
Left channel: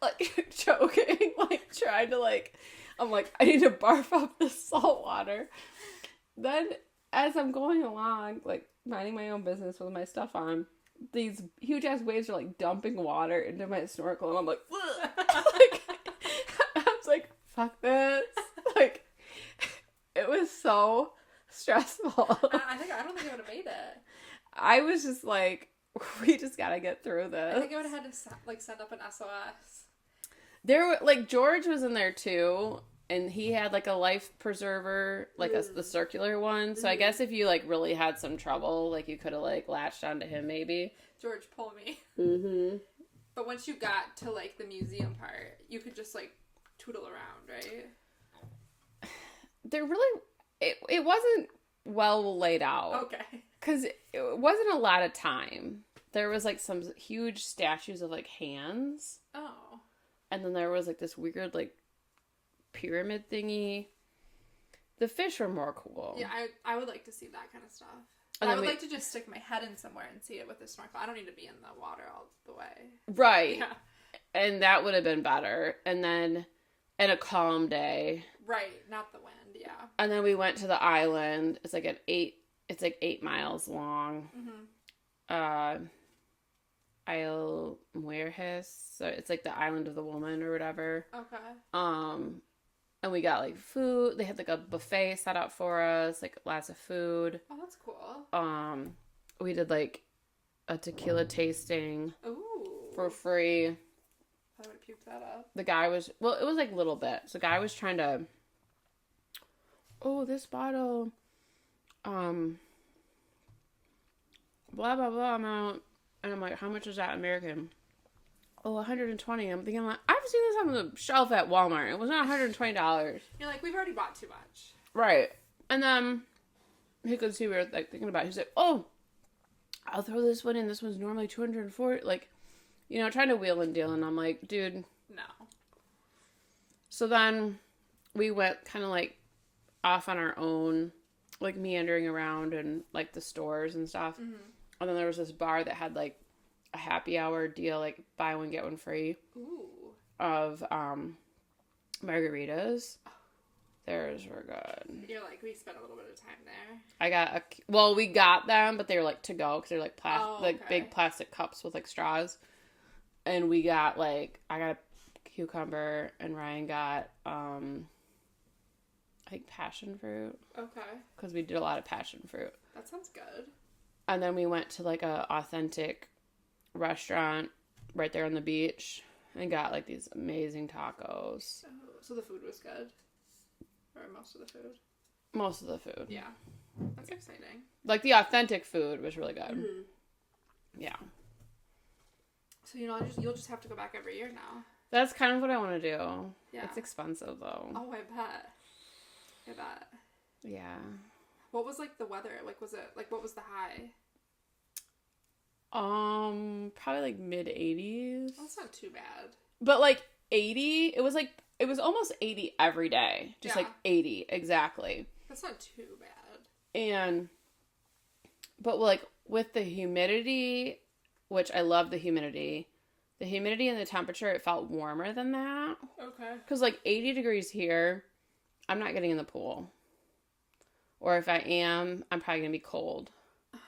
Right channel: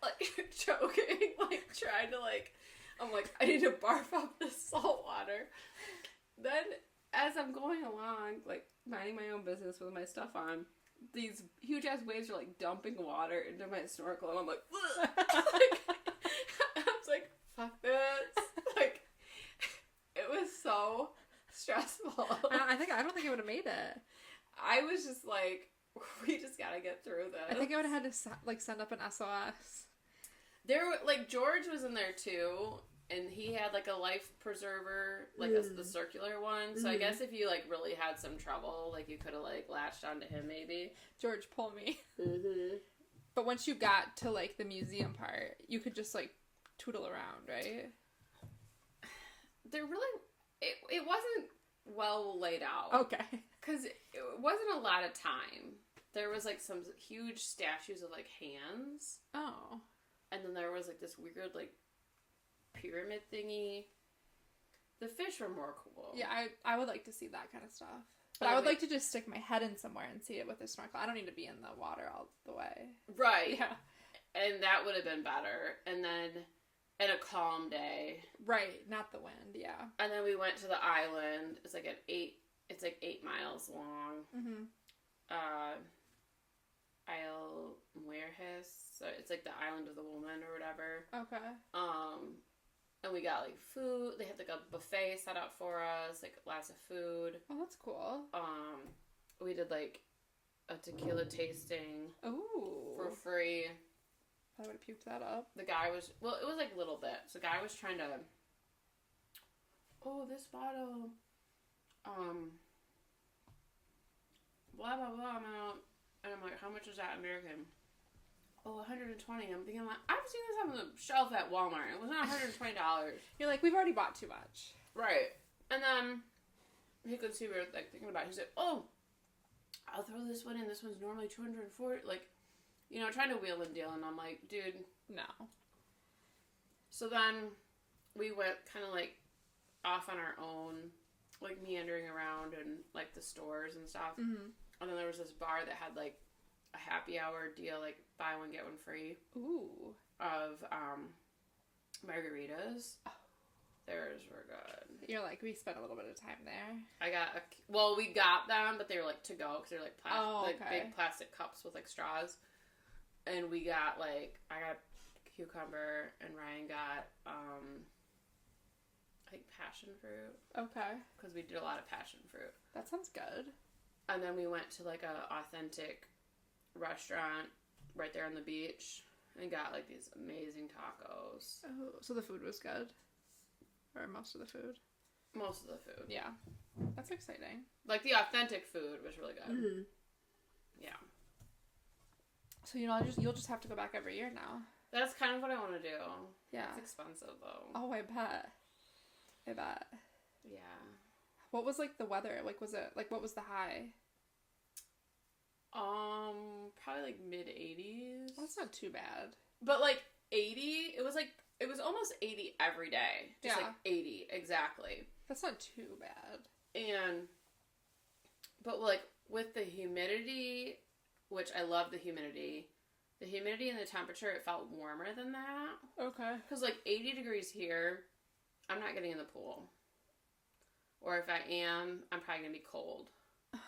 like choking, like trying to like, I'm like, I need to barf up this salt water. Then as I'm going along, like minding my own business with my stuff on, these huge ass waves are like dumping water into my snorkel, and I'm like, like I was like, fuck this. Like, it was so stressful. I don't think I would have made it. I was just like, we just gotta get through this. I think I would have had to like send up an SOS. There were like George was in there too, and he had like a life preserver, like the circular one. So I guess if you like really had some trouble, like you could have like latched onto him maybe. George, pull me. Mm-hmm. But once you got to like the museum part, you could just like tootle around, right? There really, it wasn't well laid out. Okay. Because it wasn't a lot of time. There was like some huge statues of like hands. Oh. And then there was like this weird like pyramid thingy. The fish were more cool. Yeah, I would like to see that kind of stuff. But I would like to just stick my head in somewhere and see it with a snorkel. I don't need to be in the water all the way. Right. Yeah. And that would have been better. And then, and a calm day. Right, not the wind, yeah. And then we went to the island. It's like 8 miles long. Mm-hmm. Isle Mujeres. So it's like the island of the woman or whatever. Okay. And we got like food. They had like a buffet set up for us, like lots of food. Oh, that's cool. We did like a tequila tasting. Ooh. For free. I would have puked that up. The guy was, well, it was like a little bit. So the guy was trying to, oh, this bottle, blah, blah, blah amount. And I'm like, how much is that American? Oh, 120. I'm thinking, like, I've seen this on the shelf at Walmart. It was not $120. You're like, we've already bought too much. Right. And then he could see we were like thinking about it. He's like, oh, I'll throw this one in. This one's normally 240. Like, trying to wheel and deal. And I'm like, dude. No. So then we went kind of like off on our own, like meandering around and like the stores and stuff. Mm-hmm. And then there was this bar that had like a happy hour deal, like buy one, get one free. Ooh. Of margaritas. Theirs were good. You're like, we spent a little bit of time there. We got them, but they were like to go because they're like like big plastic cups with like straws. And we got like, I got a cucumber and Ryan got, I think passion fruit. Okay. Because we did a lot of passion fruit. That sounds good. And then we went to like a authentic restaurant right there on the beach. and got like these amazing tacos. Oh, so the food was good? Or most of the food? Most of the food. Yeah. That's exciting. Like the authentic food was really good. Mm-hmm. Yeah. So, you'll just have to go back every year now. That's kind of what I want to do. Yeah. It's expensive though. Oh, I bet. Yeah. What was like the weather? Like, what was the high? Probably like mid-80s. Well, that's not too bad. But like 80, it was almost 80 every day. Just like 80, exactly. That's not too bad. But like with the humidity, which I love the humidity and the temperature, it felt warmer than that. Okay. Because like 80 degrees here, I'm not getting in the pool. Or if I am, I'm probably going to be cold. Oh,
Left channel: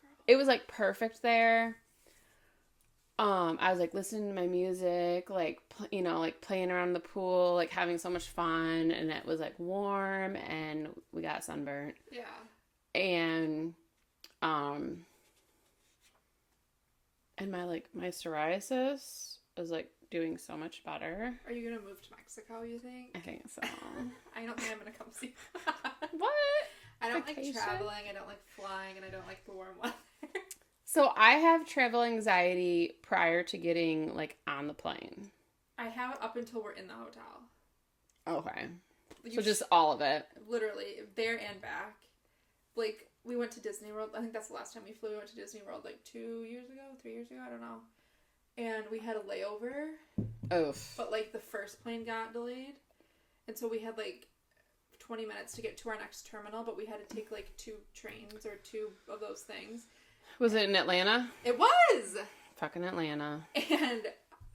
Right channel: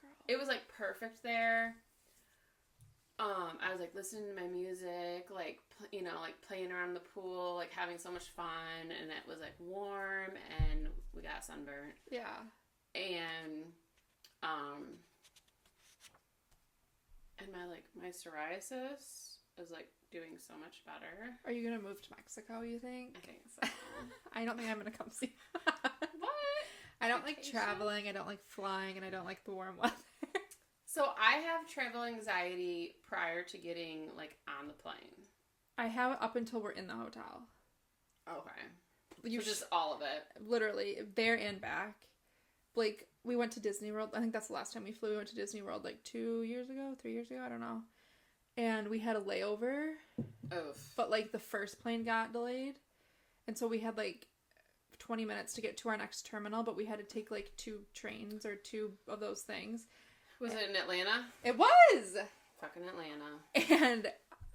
girl. It was like perfect there. I was like listening to my music, like, like playing around the pool, like having so much fun, and it was like warm, and we got sunburnt. Yeah. And my psoriasis is like doing so much better. Are you gonna move to Mexico, you think? I think so. I don't think I'm gonna come see. What? I don't Vacation? like traveling, I don't like flying, and I don't like the warm weather. So I have travel anxiety prior to getting like on the plane. I have it up until we're in the hotel. Okay. So just all of it. Literally, there and back. Like, we went to Disney World. I think that's the last time we flew. We went to Disney World like 3 years ago, I don't know. And we had a layover. Oof. But like the first plane got delayed. And so we had like 20 minutes to get to our next terminal, but we had to take like 2 trains or 2 of those things. Was it in Atlanta? It was! Fucking Atlanta. And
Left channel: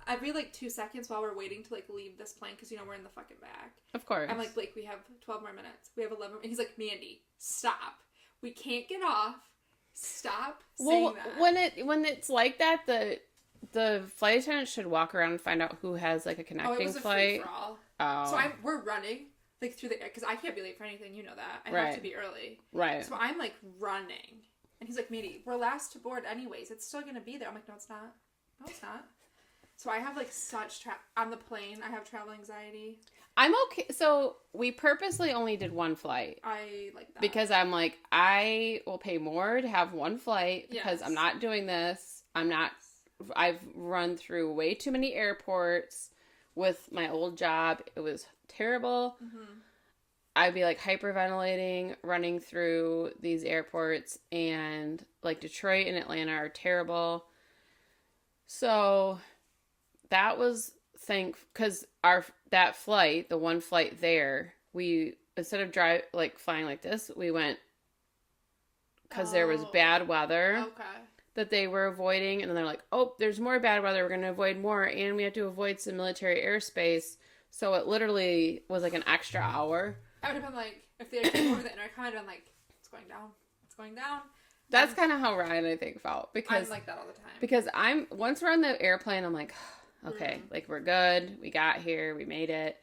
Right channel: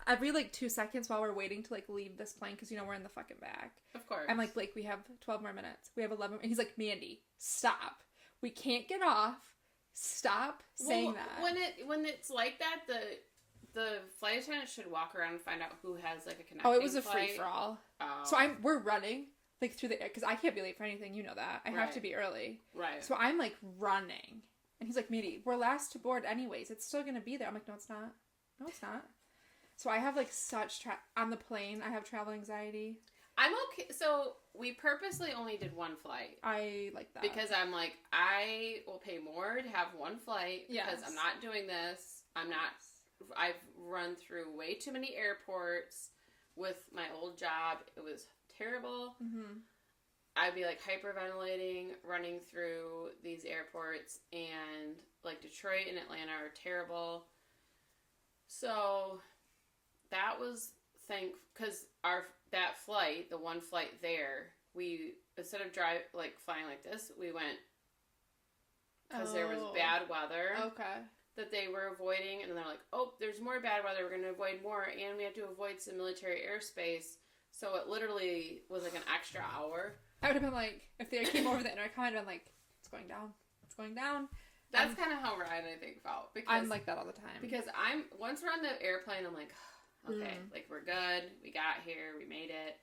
every like 2 seconds while we're waiting to like leave this plane, because we're in the fucking back. Of course. I'm like, Blake, we have 12 more minutes. We have 11. And he's like, Mandy, stop. We can't get off. Stop saying that. When it's like that, the flight attendant should walk around and find out who has like a connecting flight. Oh, it was a free for all. Oh. So we're running like through the air, because I can't be late for anything. You know that. I have to be early. Right. So I'm like running. And he's like, Mandy, we're last to board anyways. It's still going to be there. I'm like, no, it's not. No, it's not. So I have like on the plane, I have travel anxiety. I'm okay. So we purposely only did one flight. I like that. Because I'm like, I will pay more to have one flight because I'm not doing this. I've run through way too many airports with my old job. It was terrible. Mm-hmm. I'd be like hyperventilating running through these airports, and like Detroit and Atlanta are terrible. So that was because that flight, the one flight there, we instead of flying like this, we went because there was bad weather. Okay. That they were avoiding, and then they're like, oh, there's more bad weather, we're going to avoid more, and we have to avoid some military airspace. So it literally was like an extra hour. I would have been like, if they came over the intercom, I'd been like, it's going down. It's going down. That's kind of how Ryan, I think, felt. Because I'm like that all the time. Because once we're on the airplane, I'm like, okay, like we're good. We got here. We made it.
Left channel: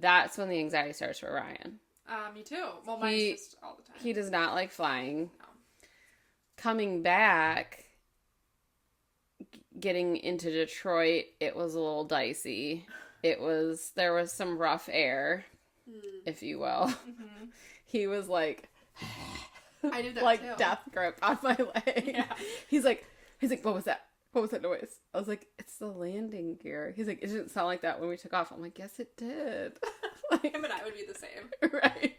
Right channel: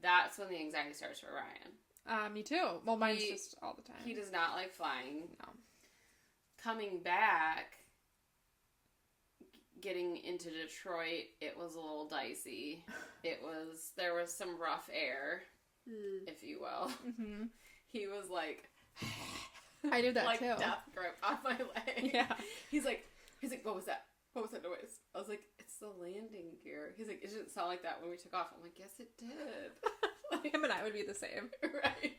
That's when the anxiety starts for Ryan. Me too. Well, mine's just all the time. He does not like flying. No. Coming back, getting into Detroit, it was a little dicey. There was some rough air, if you will. Mm-hmm. He was like, I do that like too. Death grip on my leg. Yeah. He's like, what was that? What was that noise? I was like, it's the landing gear. He's like, it didn't sound like that when we took off. I'm like, yes, it did. Like, him and I would be the same. Right.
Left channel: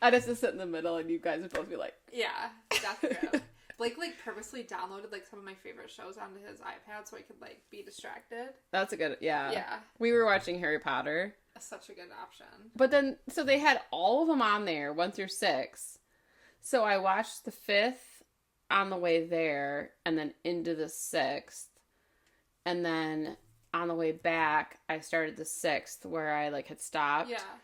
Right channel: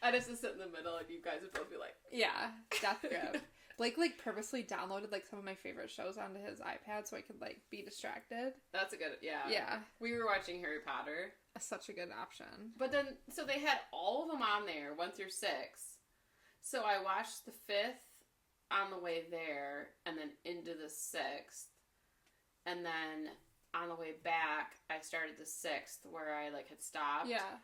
I'd have to sit in the middle, and you guys would both be like, yeah, Death grip. Blake purposely downloaded some of my favorite shows onto his iPad so I could be distracted. That's a good, yeah. Yeah. We were watching Harry Potter. Such a good option. But then, so they had all of them on there, 1 through 6. So I watched the 5th on the way there, and then into the 6th. And then on the way back, I started the 6th where I had stopped. Yeah.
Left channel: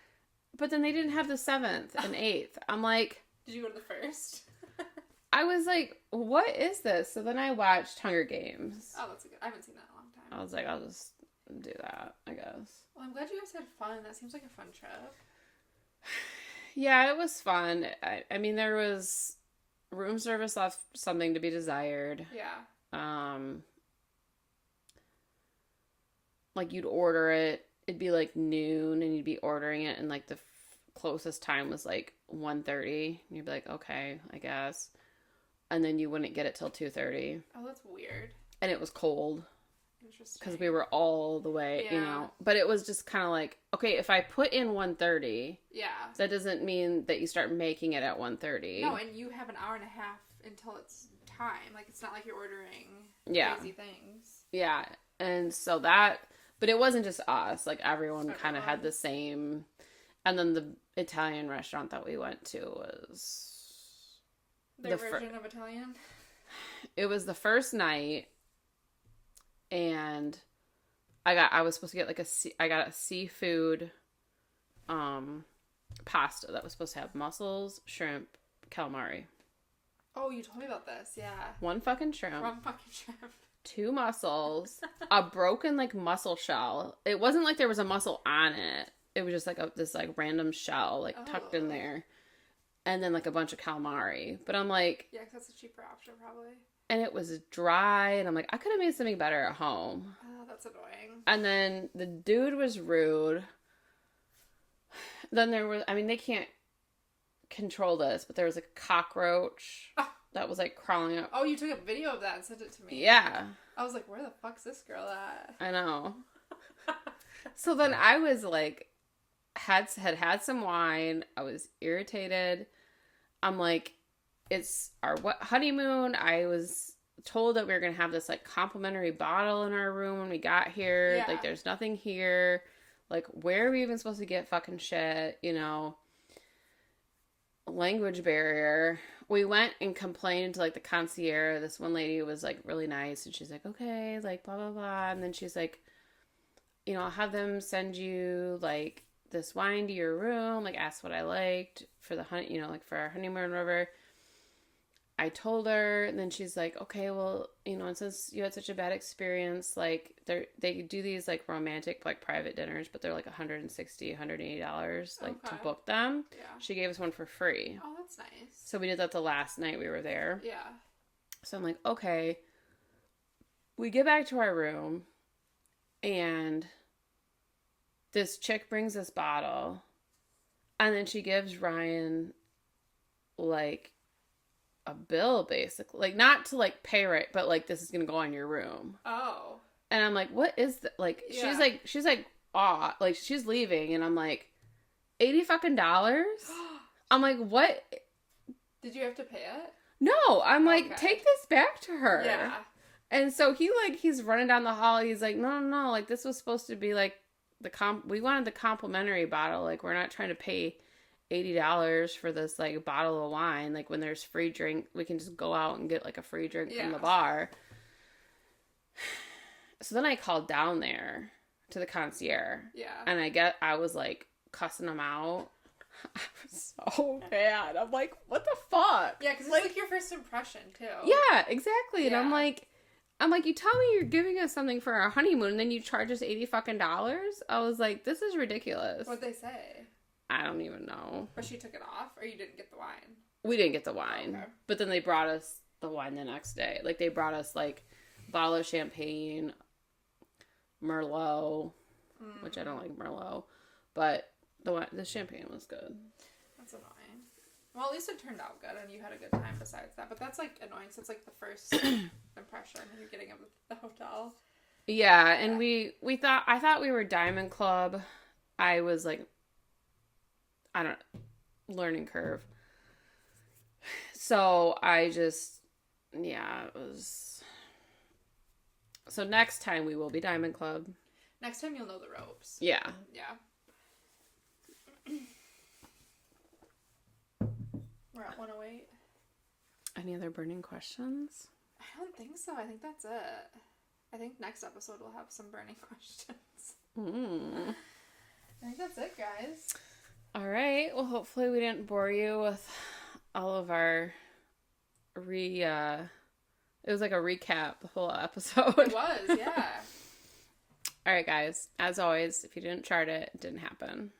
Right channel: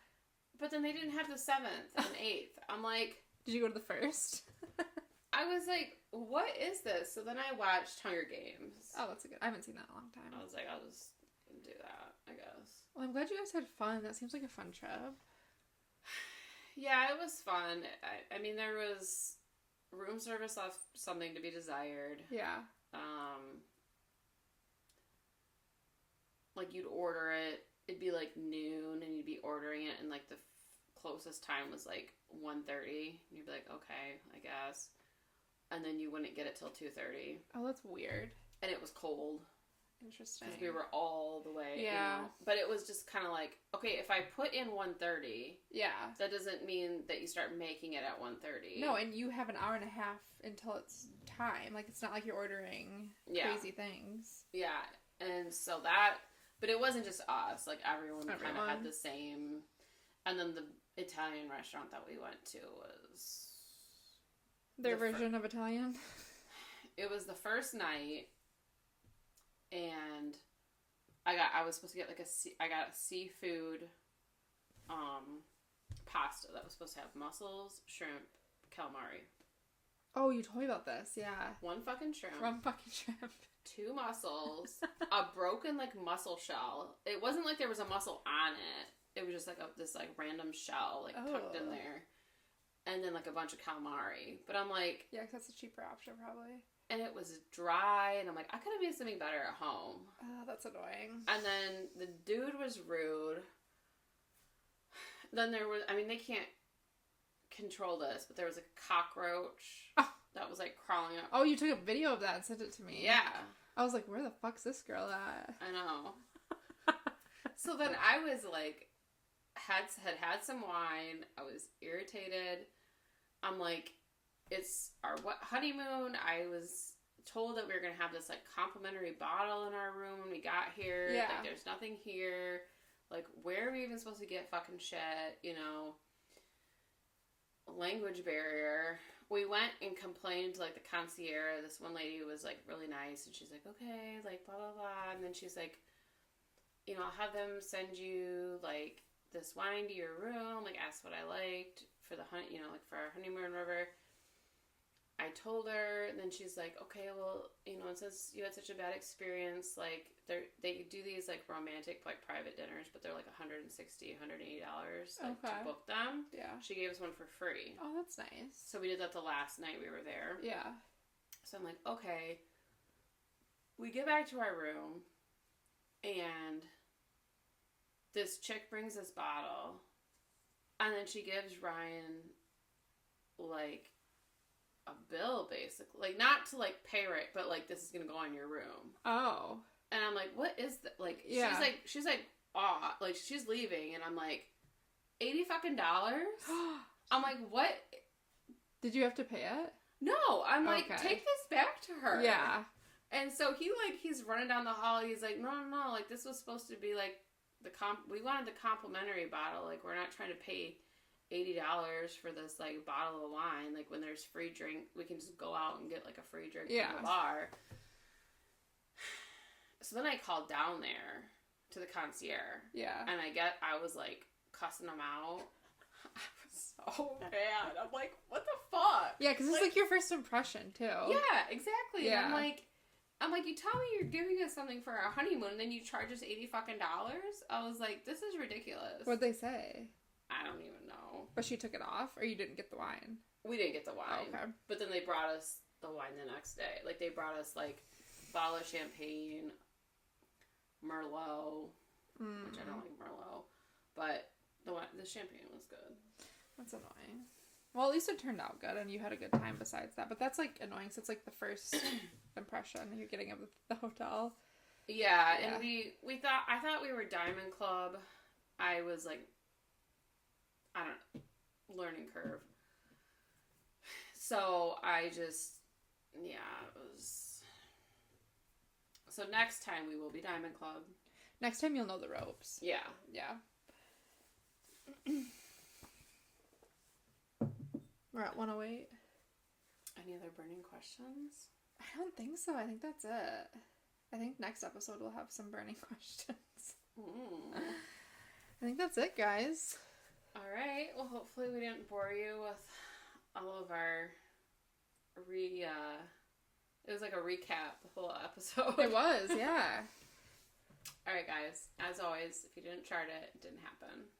But then they didn't have the 7th and 8th. I'm like, did you go to the 1st? I was like, what is this? So then I watched Hunger Games. Oh, that's a good. I haven't seen that in a long time. I was like, I'll just do that, I guess. Well, I'm glad you guys had fun. That seems like a fun trip. Yeah, it was fun. I mean, there was room service left something to be desired. Yeah. like, you'd order it. It'd be, like, noon, and you'd be ordering it, and, like, the closest time was, like, 1:30. And you'd be like, okay, I guess. And then you wouldn't get it till 2:30. Oh, that's weird. And it was cold. Interesting. Because we were all the way, yeah. you know. But it was just kind of like, okay, if I put in 1:30, yeah, that doesn't mean that you start making it at 1:30. No, and you have an hour and a half until it's time. Like, it's not like you're ordering crazy things. Yeah. And so that, but it wasn't just us. Like, everyone kind of had the same. And then the Italian restaurant that we went to was... Their version of Italian? It was the first night, and I was supposed to get, like, I got a seafood pasta that was supposed to have mussels, shrimp, calamari. Oh, you told me about this, yeah. One fucking shrimp. 2 mussels, a broken, like, mussel shell. It wasn't like there was a mussel on it. It was just, like, this, like, random shell, like, tucked in there. And then, like, a bunch of calamari. But I'm like... Yeah, 'cause that's a cheaper option, probably. And it was dry, and I'm like, I could have made something better at home. Oh, that's annoying. And then the dude was rude. Then there was... I mean, they can't control this, but there was a cockroach that was, like, crawling up. Oh, you took a video of that and sent it to me. Yeah. I was like, where the fuck's this girl at? I know. So then I was, like... had some wine. I was irritated. I'm like, it's our honeymoon. I was told that we were gonna have this, like, complimentary bottle in our room when we got here. Yeah. Like, there's nothing here. Like, where are we even supposed to get fucking shit? You know, language barrier. We went and complained to, like, the concierge. This one lady was, like, really nice, and she's like, okay, like, blah blah blah. And then she's like, you know, I'll have them send you, like, this wine to your room, like, ask what I liked for the you know, like, for our honeymoon river. I told her, and then she's like, okay, well, you know, and since you had such a bad experience, like, they do these, like, romantic, like, private dinners, but they're like $160, $180, like, to book them. Yeah. She gave us one for free. Oh, that's nice. So we did that the last night we were there. Yeah. So I'm like, okay. We get back to our room, and this chick brings this bottle, and then she gives Ryan, like, a bill, basically. Like, not to, like, pay it, but, like, this is gonna go on your room. Oh. And I'm like, what is that? Like, yeah. she's like, aw, like, she's leaving, and I'm like, $80 fucking dollars? I'm like, what? Did you have to pay it? No, I'm like, take this back to her. Yeah. And so he's running down the hall, he's like, no, like, this was supposed to be, like, we wanted the complimentary bottle, like, we're not trying to pay $80 for this, like, bottle of wine. Like, when there's free drink, we can just go out and get, like, a free drink from the bar. So then I called down there to the concierge. Yeah. And I was, like, cussing them out. I was so bad. I'm like, what the fuck? Yeah, because it's, like, your first impression, too. Yeah, exactly. Yeah. And I'm like, you tell me you're giving us something for our honeymoon, and then you charge us $80 fucking dollars? I was like, this is ridiculous. What'd they say? I don't even know. But she took it off, or you didn't get the wine? We didn't get the wine. Okay. But then they brought us the wine the next day. Like, they brought us, like, a bottle of champagne, Merlot, which I don't like Merlot, but the champagne was good. That's annoying. Well, at least it turned out good, and you had a good time besides that. But that's, like, annoying, so it's, like, the first impression you're getting of the hotel. Yeah, and I thought we were Diamond Club. I was, like, learning curve. So I just, it was. So next time we will be Diamond Club. Next time you'll know the ropes. Yeah. Yeah. We're at 108. Any other burning questions? I don't think so. I think that's it. I think next episode we'll have some burning questions. I think that's it, guys. All right. Well, hopefully we didn't bore you with all of our it was like a recap, the whole episode. It was, yeah. All right, guys. As always, if you didn't chart it, it didn't happen.